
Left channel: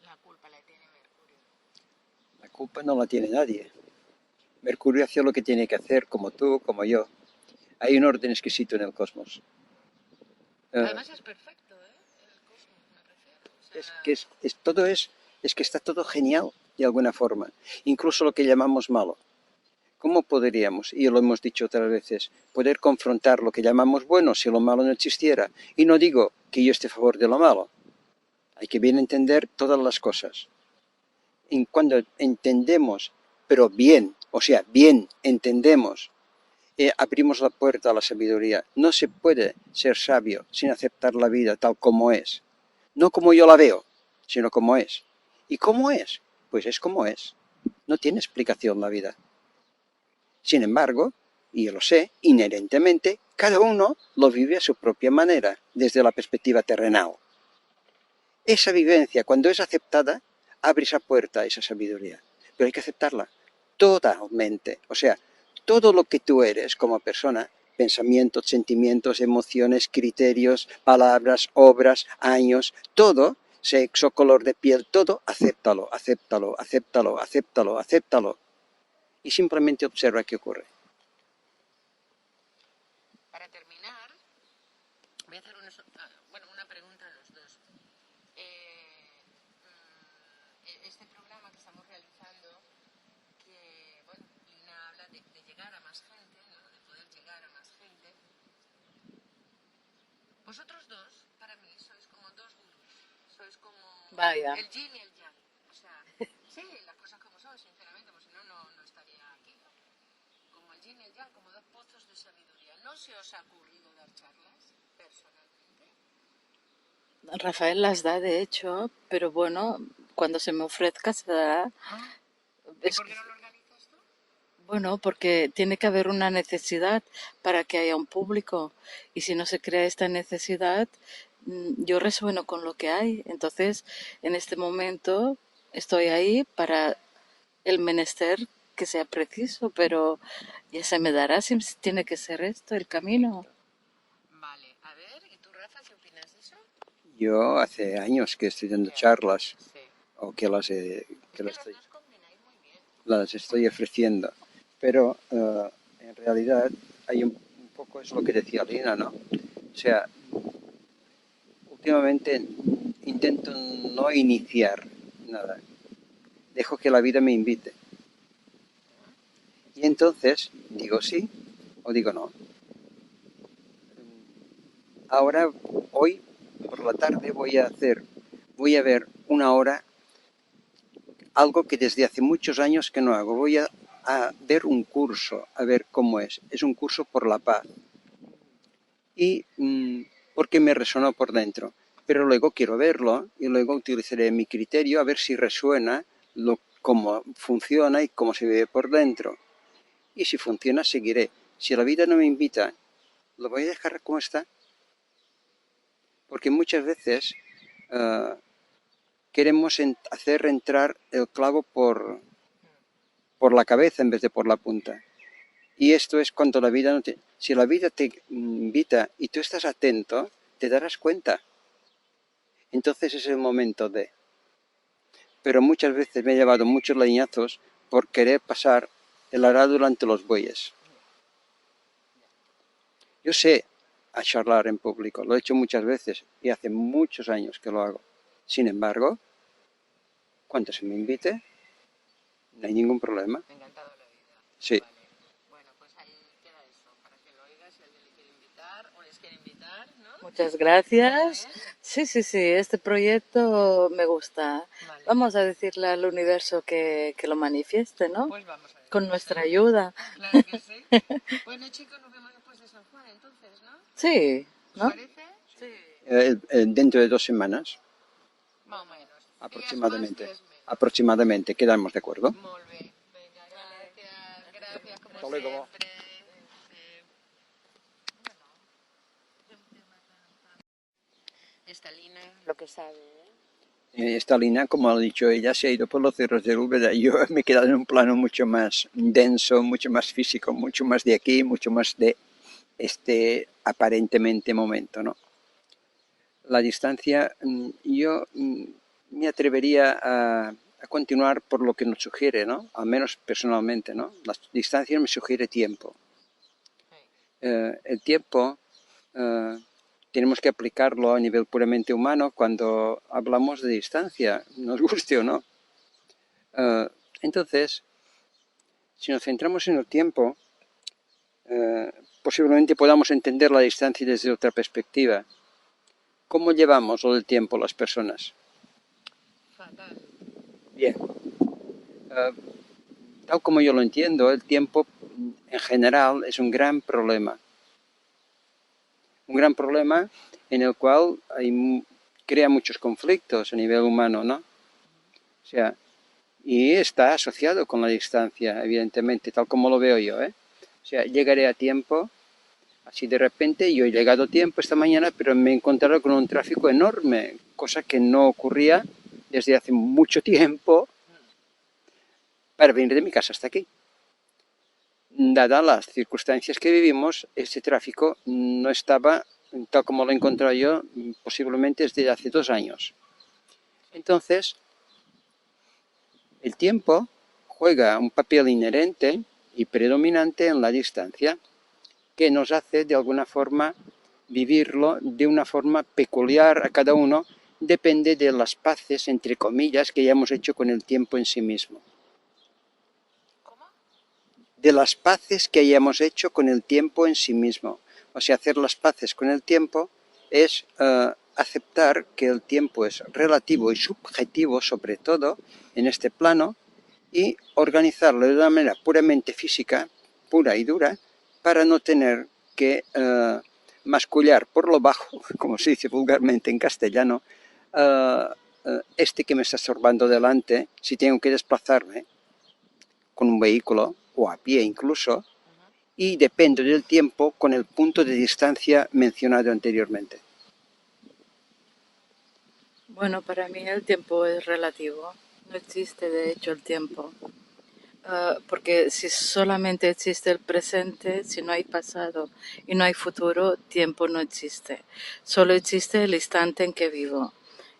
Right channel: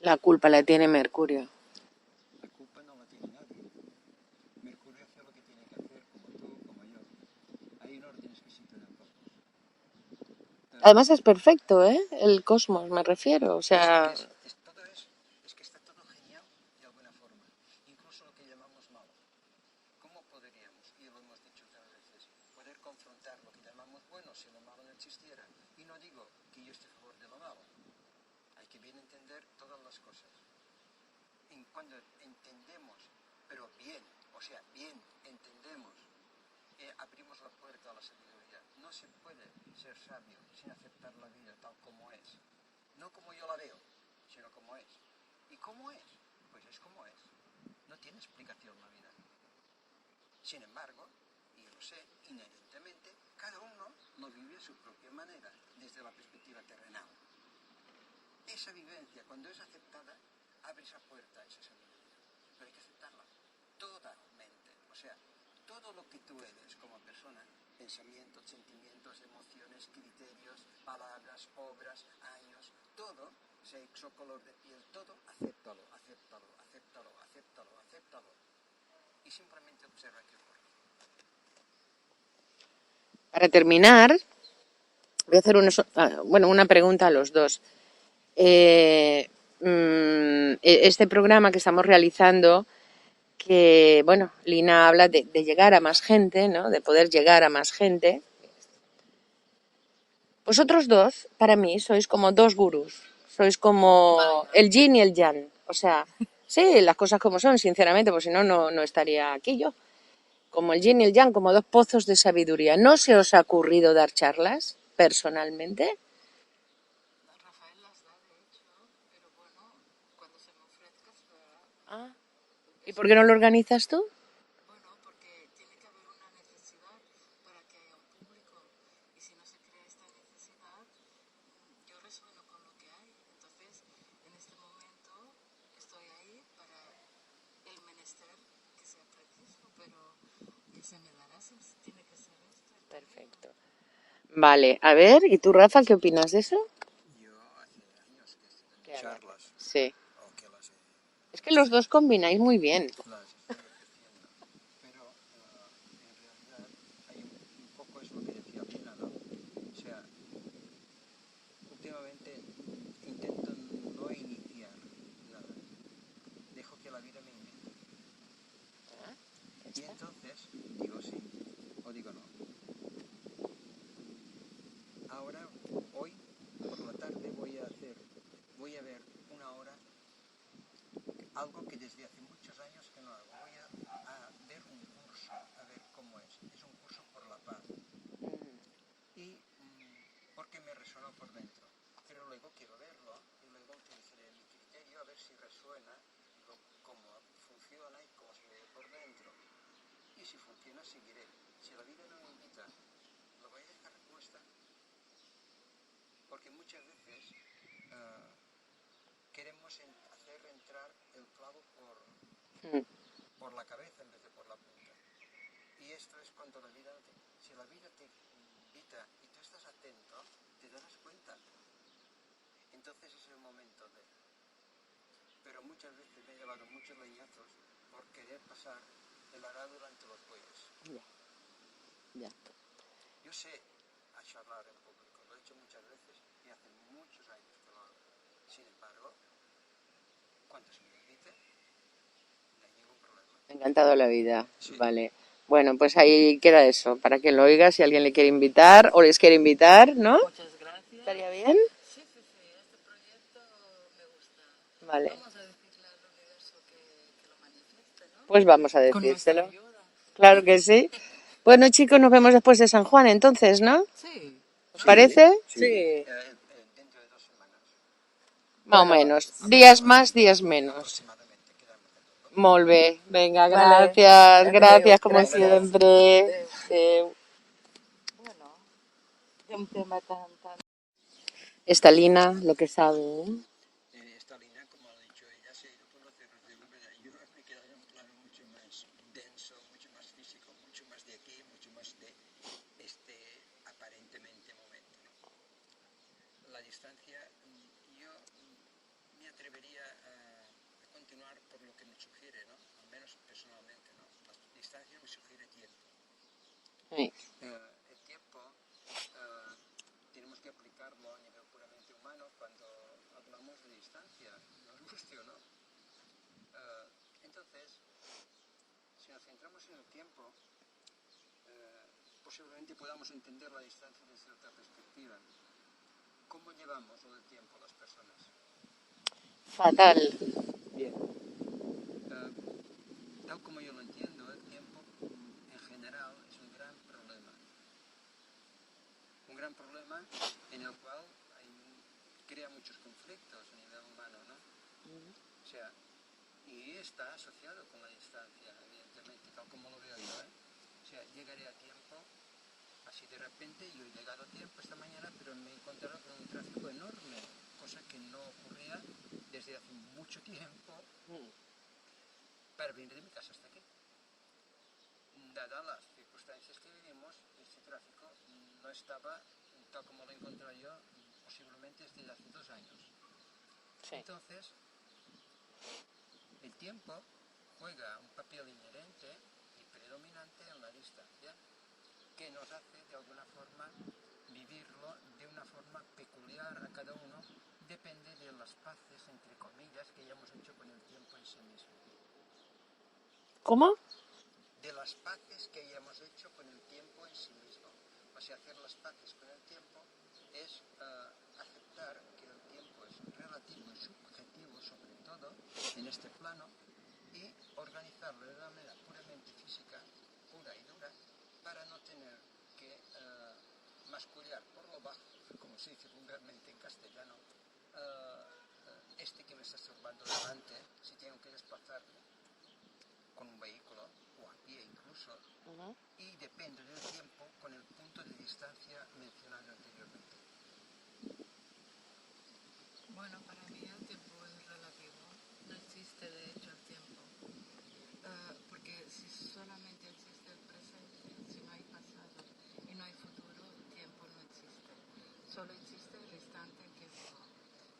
La culpa la tiene Mercurio. La culpa no la tiene nadie. Mercurio hace lo que tiene que hacer, como tú, como yo. Hay un orden exquisito en el cosmos. Además es perfecto, ¿eh? El cosmos, me refiero. O sea, Es que está todo genial de alguna forma. Incluso lo que llamamos malo. ¿Cómo podríamos, y lo hemos dicho otras veces, poder confrontar lo que llamamos bueno si lo malo no existiera? Y no digo que yo esté a favor de lo malo. Hay que bien entender todas las cosas. Y cuando entendemos, pero bien, o sea, bien entendemos, abrimos la puerta a la sabiduría. No se puede ser sabio sin aceptar la vida tal como es. No como yo la veo, sino como es. ¿Y cómo es? Pues es como es. No tiene explicación la vida. Sin embargo, y yo lo sé, inherentemente, cada uno lo vive a su propia manera, desde la perspectiva terrenal. Esa vivencia, cuando es aceptada, abre esa puerta a esa sabiduría. Pero hay que aceptarla totalmente. O sea, todo lo que tú eres como persona, pensamientos, sentimientos, emociones, criterios, palabras, obras, años, todo, sexo, color de piel, todo, acéptalo, acéptalo, acéptalo, acéptalo, acéptalo. Y simplemente observa qué ocurre. para terminar, voy a hacer una pregunta a los dos. Este programa que estamos realizando, que, bueno, Lina habla de llegar a más gente, ¿no? De poder llegar a más gente. Vosotros dos, para mí, sois como dos gurús. Sois como Vaya. el yin y el yang. O sea, sí, las cosas como son, sinceramente, pues si no, no estaría aquí yo. Como el yin y el yang, como dos pozos de sabiduría. ¿No se os ha ocurrido dar charlas, personalmente? Rafael las da, de hecho, pero bueno, cuando se me ofrezca se dará. ¿Y Es, por qué no lo organizas tú? bueno, porque tiene que haber una necesidad para que haya un público. Y si no se crea esta necesidad, yo resueno con lo que hay. Entonces, en este momento estoy ahí para el menester que sea preciso, pero ya se me dará si tiene que ser esto el camino. Vale, a ver, ¿y tú, Rafa, qué opinas de eso? Yo hace años que estoy dando charlas, Sí. o que Es que los dos combináis muy bien. las estoy ofreciendo, pero en realidad hay un poco, es lo que decía Lina, ¿no? O sea, últimamente intento no iniciar nada, dejo que la vida me invite. Y entonces digo sí o digo no. Ahora, hoy por la tarde voy a ver una hora, algo que desde hace muchos años que no hago. Voy a ver un curso, a ver cómo es. Es un curso por la paz. Y porque me resonó por dentro. Pero luego quiero verlo y luego utilizaré mi criterio a ver si resuena cómo funciona y cómo se ve por dentro. Y si funciona, seguiré. Si la vida no me invita, lo voy a dejar como está. Porque muchas veces uh, queremos hacer entrar el clavo por la cabeza en vez de por la punta. Y esto es cuando la vida no te... Si la vida te invita y tú estás atento, te darás cuenta. Entonces es el momento de... Pero muchas veces me he llevado muchos leñazos por querer pasar el arado delante de los bueyes. Yo sé a charlar en público, lo he hecho muchas veces y hace muchos años que lo hago. Sin embargo, cuando se me invite, no hay ningún problema. Encantado la vida. Sí. Vale. Bueno, pues ahí queda eso, para que lo oiga, si alguien le quiere invitar o les quiere invitar, ¿no? Muchas ¿Estaría gracias. bien? Sí, este proyecto me gusta. Vale. Vamos a decirle al universo que lo manifieste, ¿no? Pues vamos a Con nuestra decírselo. ayuda. Claro que sí. Bueno, chicos, nos vemos después de San Juan, entonces, ¿no? Sí, ¿Os ¿no? parece? Sí. Dentro de 2 semanas. Más o Bueno, menos. Días más, días menos. Aproximadamente, quedamos de acuerdo. Molt bé. Venga, vale. gracias. Adeu, Gracias como gracias. siempre. Adeu. Adeu. Bueno, de un tema tan... Esta Lina, lo que sabe, ¿eh? Esta Lina, como ha dicho ella, se ha ido por los cerros del Úbeda. Yo me he quedado en un plano mucho más denso, mucho más físico, mucho más de aquí, mucho más de este aparentemente momento, ¿no? La distancia, yo me atrevería a continuar por lo que nos sugiere, ¿no? Al menos personalmente, ¿no? La distancia me sugiere tiempo. Sí. El tiempo tenemos que aplicarlo a nivel puramente humano cuando hablamos de distancia, nos guste o no. Entonces, si nos centramos en el tiempo, posiblemente podamos entender la distancia desde otra perspectiva. ¿Cómo llevamos lo del tiempo las personas? Fatal. Bien. Tal como yo lo entiendo, el tiempo en general es un gran problema. Un gran problema en el cual crea muchos conflictos a nivel humano, ¿no? O sea, y está asociado con la distancia, evidentemente, tal como lo veo yo, ¿eh? O sea, llegaré a tiempo, así de repente, yo he llegado a tiempo esta mañana, pero me he encontrado con un tráfico enorme, cosa que no ocurría desde hace mucho tiempo para venir de mi casa hasta aquí. Dadas las circunstancias que vivimos, este tráfico no estaba, tal como lo he encontrado yo, posiblemente desde hace 2 años. Entonces, el tiempo juega un papel inherente y predominante en la distancia, que nos hace de alguna forma vivirlo de una forma peculiar a cada uno, depende de las paces, entre comillas, que hayamos hecho con el tiempo en sí mismo. ¿Cómo? De las paces que hayamos hecho con el tiempo en sí mismo. O sea, hacer las paces con el tiempo es aceptar que el tiempo es relativo y subjetivo, sobre todo en este plano, y organizarlo de una manera puramente física, pura y dura, para no tener que mascullar por lo bajo, como se dice vulgarmente en castellano, este que me está estorbando delante, si tengo que desplazarme con un vehículo o a pie incluso, y depende del tiempo con el punto de distancia mencionado anteriormente. Bueno, para mí el tiempo es relativo. No existe, de hecho, el tiempo. Porque si solamente existe el presente, si no hay pasado y no hay futuro, tiempo no existe. Solo existe el instante en que vivo.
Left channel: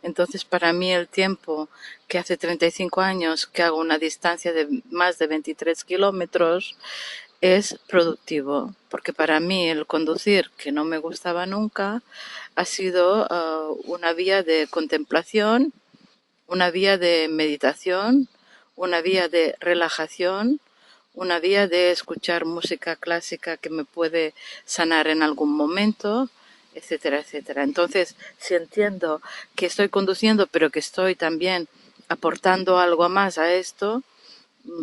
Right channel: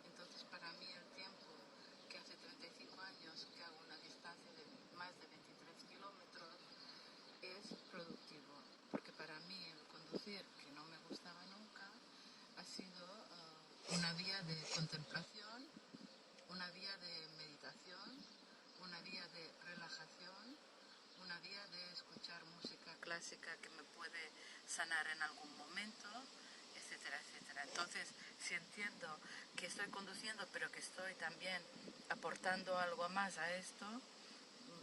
Entonces, para mí el tiempo que hace 35 años que hago una distancia de más de 23 kilómetros es productivo, porque para mí el conducir, que no me gustaba nunca, ha sido una vía de contemplación, una vía de meditación, una vía de relajación, una vía de escuchar música clásica que me puede sanar en algún momento, etcétera, etcétera. Entonces, si entiendo que estoy conduciendo, pero que estoy también aportando algo más a esto,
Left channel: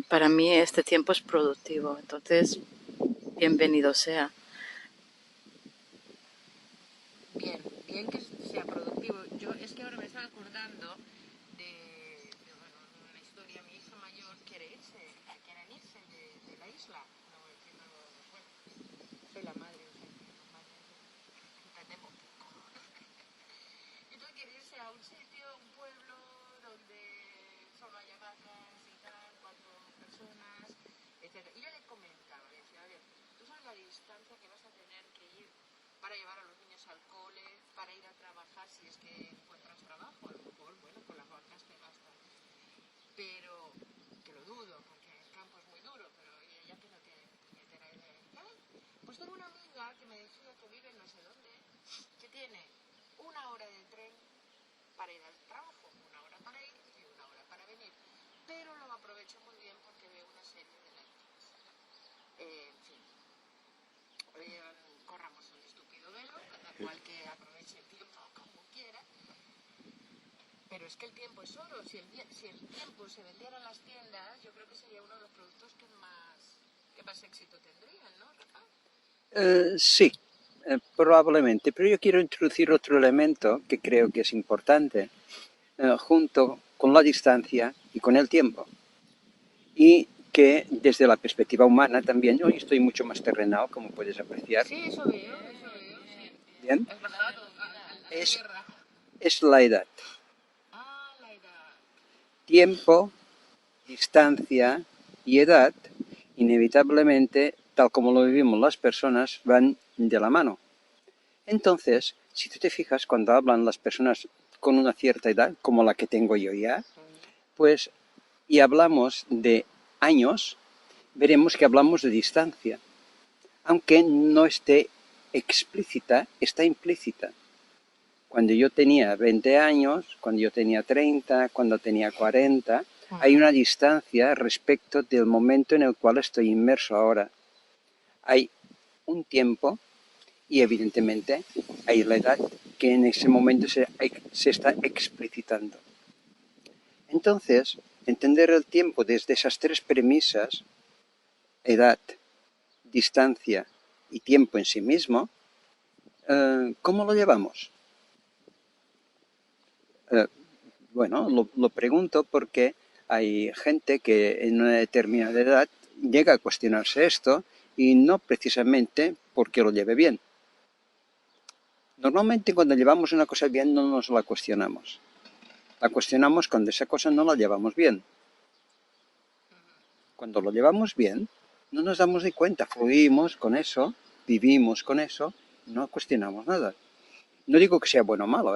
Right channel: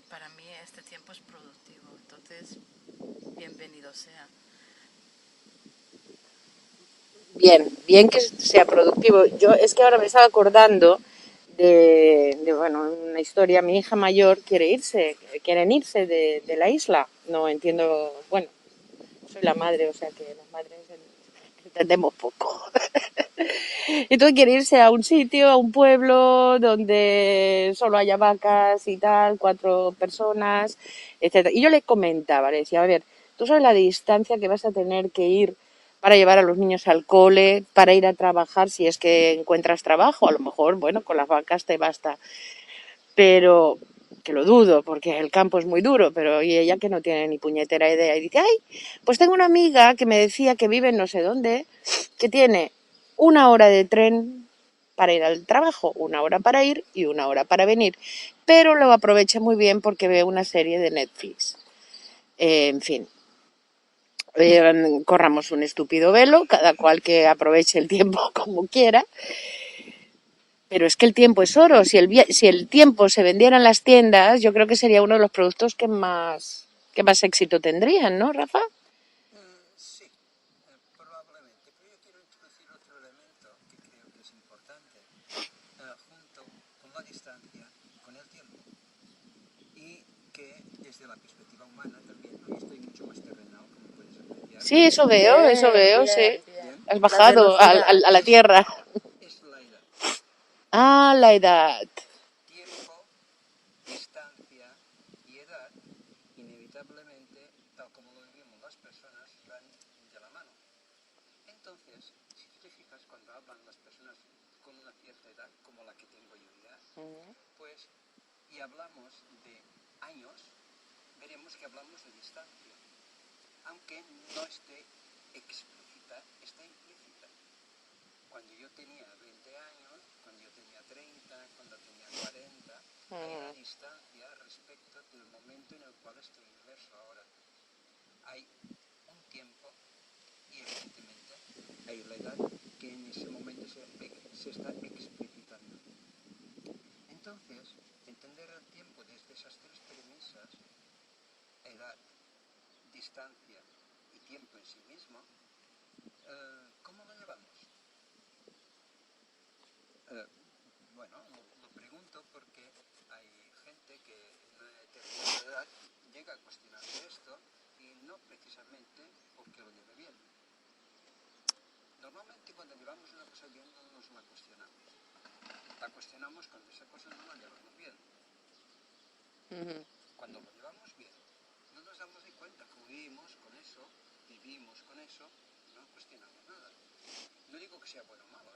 para mí este tiempo es productivo. Entonces, bienvenido sea. Bien, bien que sea productivo. Yo es que ahora me estaba acordando bueno, una historia. Mi hija mayor quieren irse de la isla. No entiendo, bueno, soy la madre, o sea que las madres entendemos poco. Entonces quiere irse a un sitio, a un pueblo donde solo haya vacas y tal, 4 personas, etcétera. Y yo le comentaba, le decía, a ver, tú sabes la distancia que vas a tener que ir para llevar a los niños al cole, para ir a trabajar, si es que encuentras trabajo, a lo mejor, bueno, con las vacas te basta, pero que lo dudo, porque el campo es muy duro, pero y ella que no tiene ni puñetera idea, y dice, ay, pues tengo una amiga que me decía que vive en no sé dónde, que tiene 1 hora de tren para ir al trabajo, 1 hora para ir y 1 hora para venir, pero lo aprovecha muy bien porque ve una serie de Netflix. En fin, corramos un estúpido velo, cada cual que aproveche el tiempo como quiera. Pero es que el tiempo es oro. Si el tiempo se vendiera en las tiendas, yo creo que sería uno de los productos que más éxito tendrían, ¿no, Rafa? Sí, probablemente, pero yo quiero introducir otro elemento que creo que es importante, junto con la distancia y con el tiempo. Y que desde la perspectiva humana también, hoy estoy mucho más terrenal, como puedes apreciar. Sí, eso veo, Bien, sí. Bien. Has La bajado velocidad. a la tierra. Es la edad. Ah, la edad. Tiempo, distancia y edad, inevitablemente, tal como lo vivimos las personas, van de la mano. Entonces, si tú te fijas, cuando hablan las personas con una cierta edad, como la que tengo yo ya, pues, y hablamos de años, veremos que hablamos de distancia, aunque no esté explícita, está implícita. Cuando yo tenía 20 años, cuando yo tenía 30, cuando tenía 40, hay una distancia respecto del momento en el cual estoy inmerso ahora. Hay un tiempo y evidentemente hay la edad que en ese momento se está explicitando. Entonces, entender el tiempo desde esas tres premisas, edad, distancia y tiempo en sí mismo, ¿cómo lo llevamos? Bueno, lo pregunto porque hay gente que en una determinada edad llega a cuestionarse esto y no precisamente porque lo lleve bien. Normalmente cuando llevamos una cosa bien no nos la cuestionamos. La cuestionamos cuando esa cosa no la llevamos bien. Cuando lo llevamos bien, no nos damos ni cuenta, fluimos con eso, vivimos con eso, no cuestionamos nada. No digo que sea bueno o malo,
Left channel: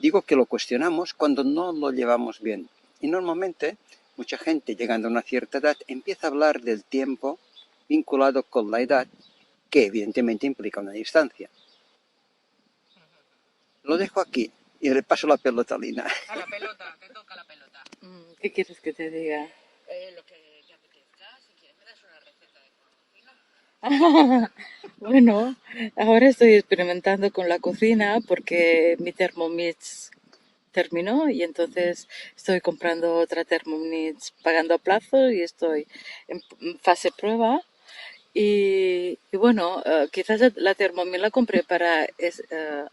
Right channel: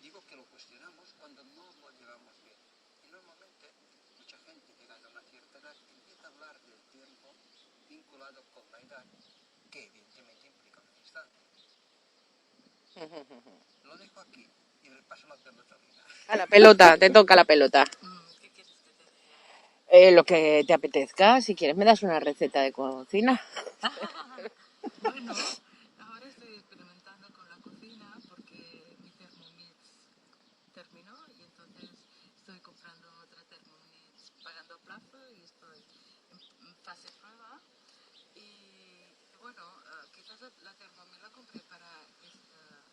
digo que lo cuestionamos cuando no lo llevamos bien. Y normalmente mucha gente llegando a una cierta edad empieza a hablar del tiempo vinculado con la edad, que evidentemente implica una distancia. Lo dejo aquí y le paso la pelota a Lina. A la pelota, te toca la pelota. ¿Qué quieres que te diga? Lo que te apetezca, si quieres me das una receta de cocina. Bueno, ahora estoy experimentando con la cocina porque mi Thermomix terminó y entonces estoy comprando otra Thermomix pagando a plazo y estoy en fase prueba Y bueno, quizás la Thermomix la compré para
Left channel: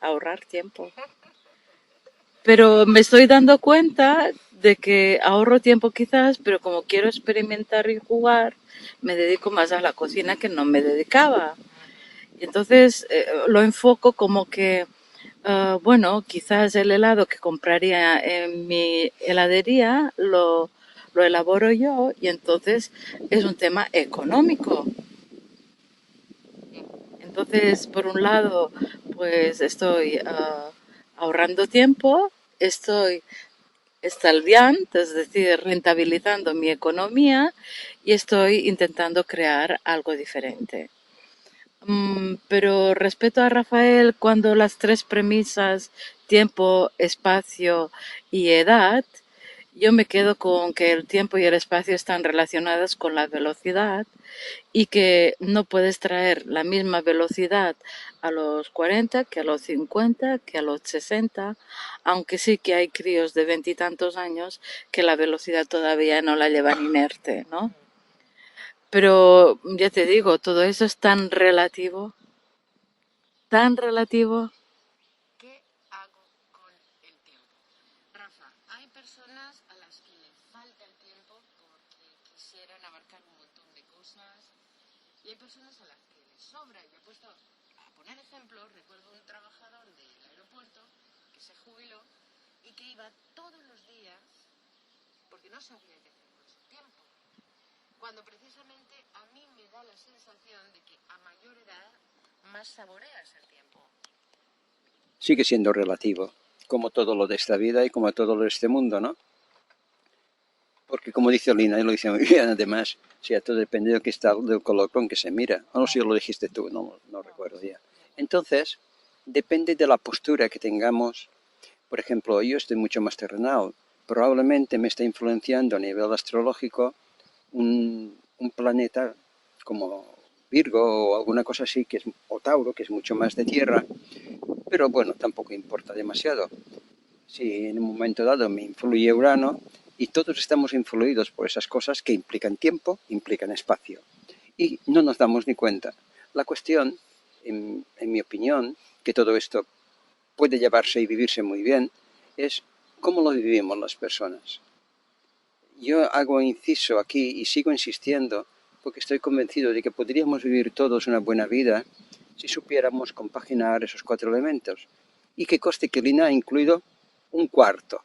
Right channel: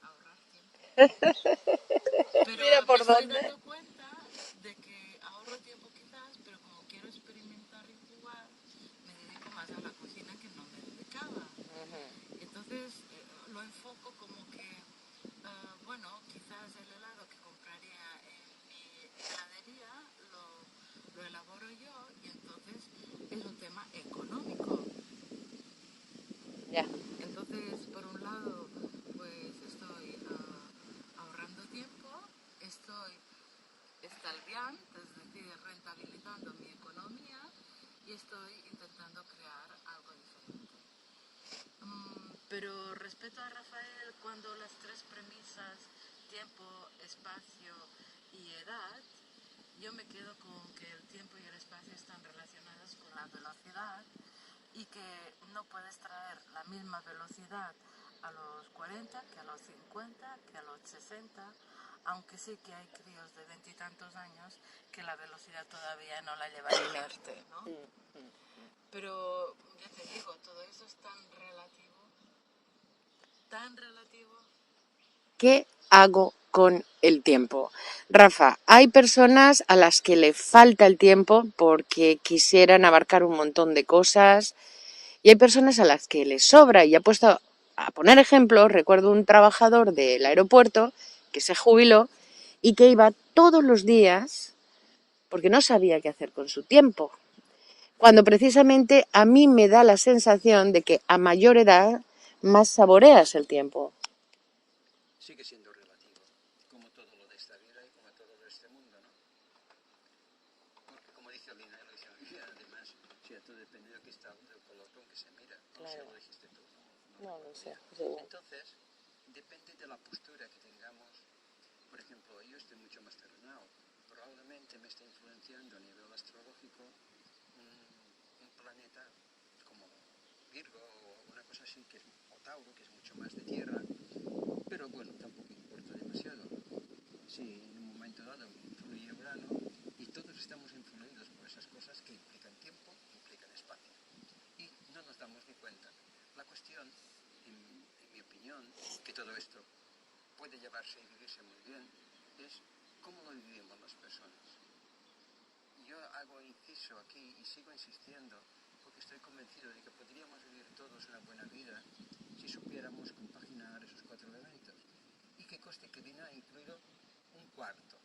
ahorrar tiempo. Mira Pero me por estoy dónde. dando cuenta de que ahorro tiempo quizás, pero como quiero experimentar y jugar, me dedico más a la cocina que no me dedicaba. Y entonces lo enfoco como que, bueno, quizás el helado que compraría en mi heladería lo elaboro yo y entonces es un tema económico. Ya. Entonces, por un lado, pues estoy ahorrando tiempo, estoy estalviando, es decir, rentabilizando mi economía y estoy intentando crear algo diferente. Pero respeto a Rafael cuando las tres premisas, tiempo, espacio y edad, yo me quedo con que el tiempo y el espacio están relacionados con la velocidad y que no puedes traer la misma velocidad a los 40 que a los 50, que a los 60, aunque sí que hay críos de veintitantos años que la velocidad todavía no la llevan inerte, ¿no? Pero ya te digo, todo eso es tan relativo. ¿Qué hago con el tiempo? Rafa, hay personas a las que le falta el tiempo porque quisieran abarcar un montón de cosas y hay personas a las que les sobra. Y he puesto a poner ejemplos, recuerdo un trabajador del aeropuerto que se jubiló y que iba todos los días porque no sabía qué hacer con su tiempo. Cuando precisamente a mí me da la sensación de que a mayor edad más saboreas el tiempo. Sigue siendo relativo, como todo lo de esta vida y como todo lo de este mundo, ¿no? Porque como dice Lina, y lo dice muy bien además, o sea, todo depende de que está, del color con que se mira. No sé si lo dijiste tú, no recuerdo ya. Entonces, depende de la postura que tengamos. Por ejemplo, yo estoy mucho más terrenal. Probablemente me está influenciando a nivel astrológico un planeta como Virgo o alguna cosa así, o Tauro, que es mucho más de tierra, pero bueno, tampoco importa demasiado. Si en un momento dado me influye Urano, y todos estamos influidos por esas cosas que implican tiempo, implican espacio, y no nos damos ni cuenta. La cuestión, en mi opinión, que todo esto puede llevarse y vivirse muy bien, es cómo lo vivimos las personas. Yo hago inciso aquí y sigo insistiendo porque estoy convencido de que podríamos vivir todos una buena vida si supiéramos compaginar esos cuatro elementos. Y que conste que Lina ha incluido un cuarto,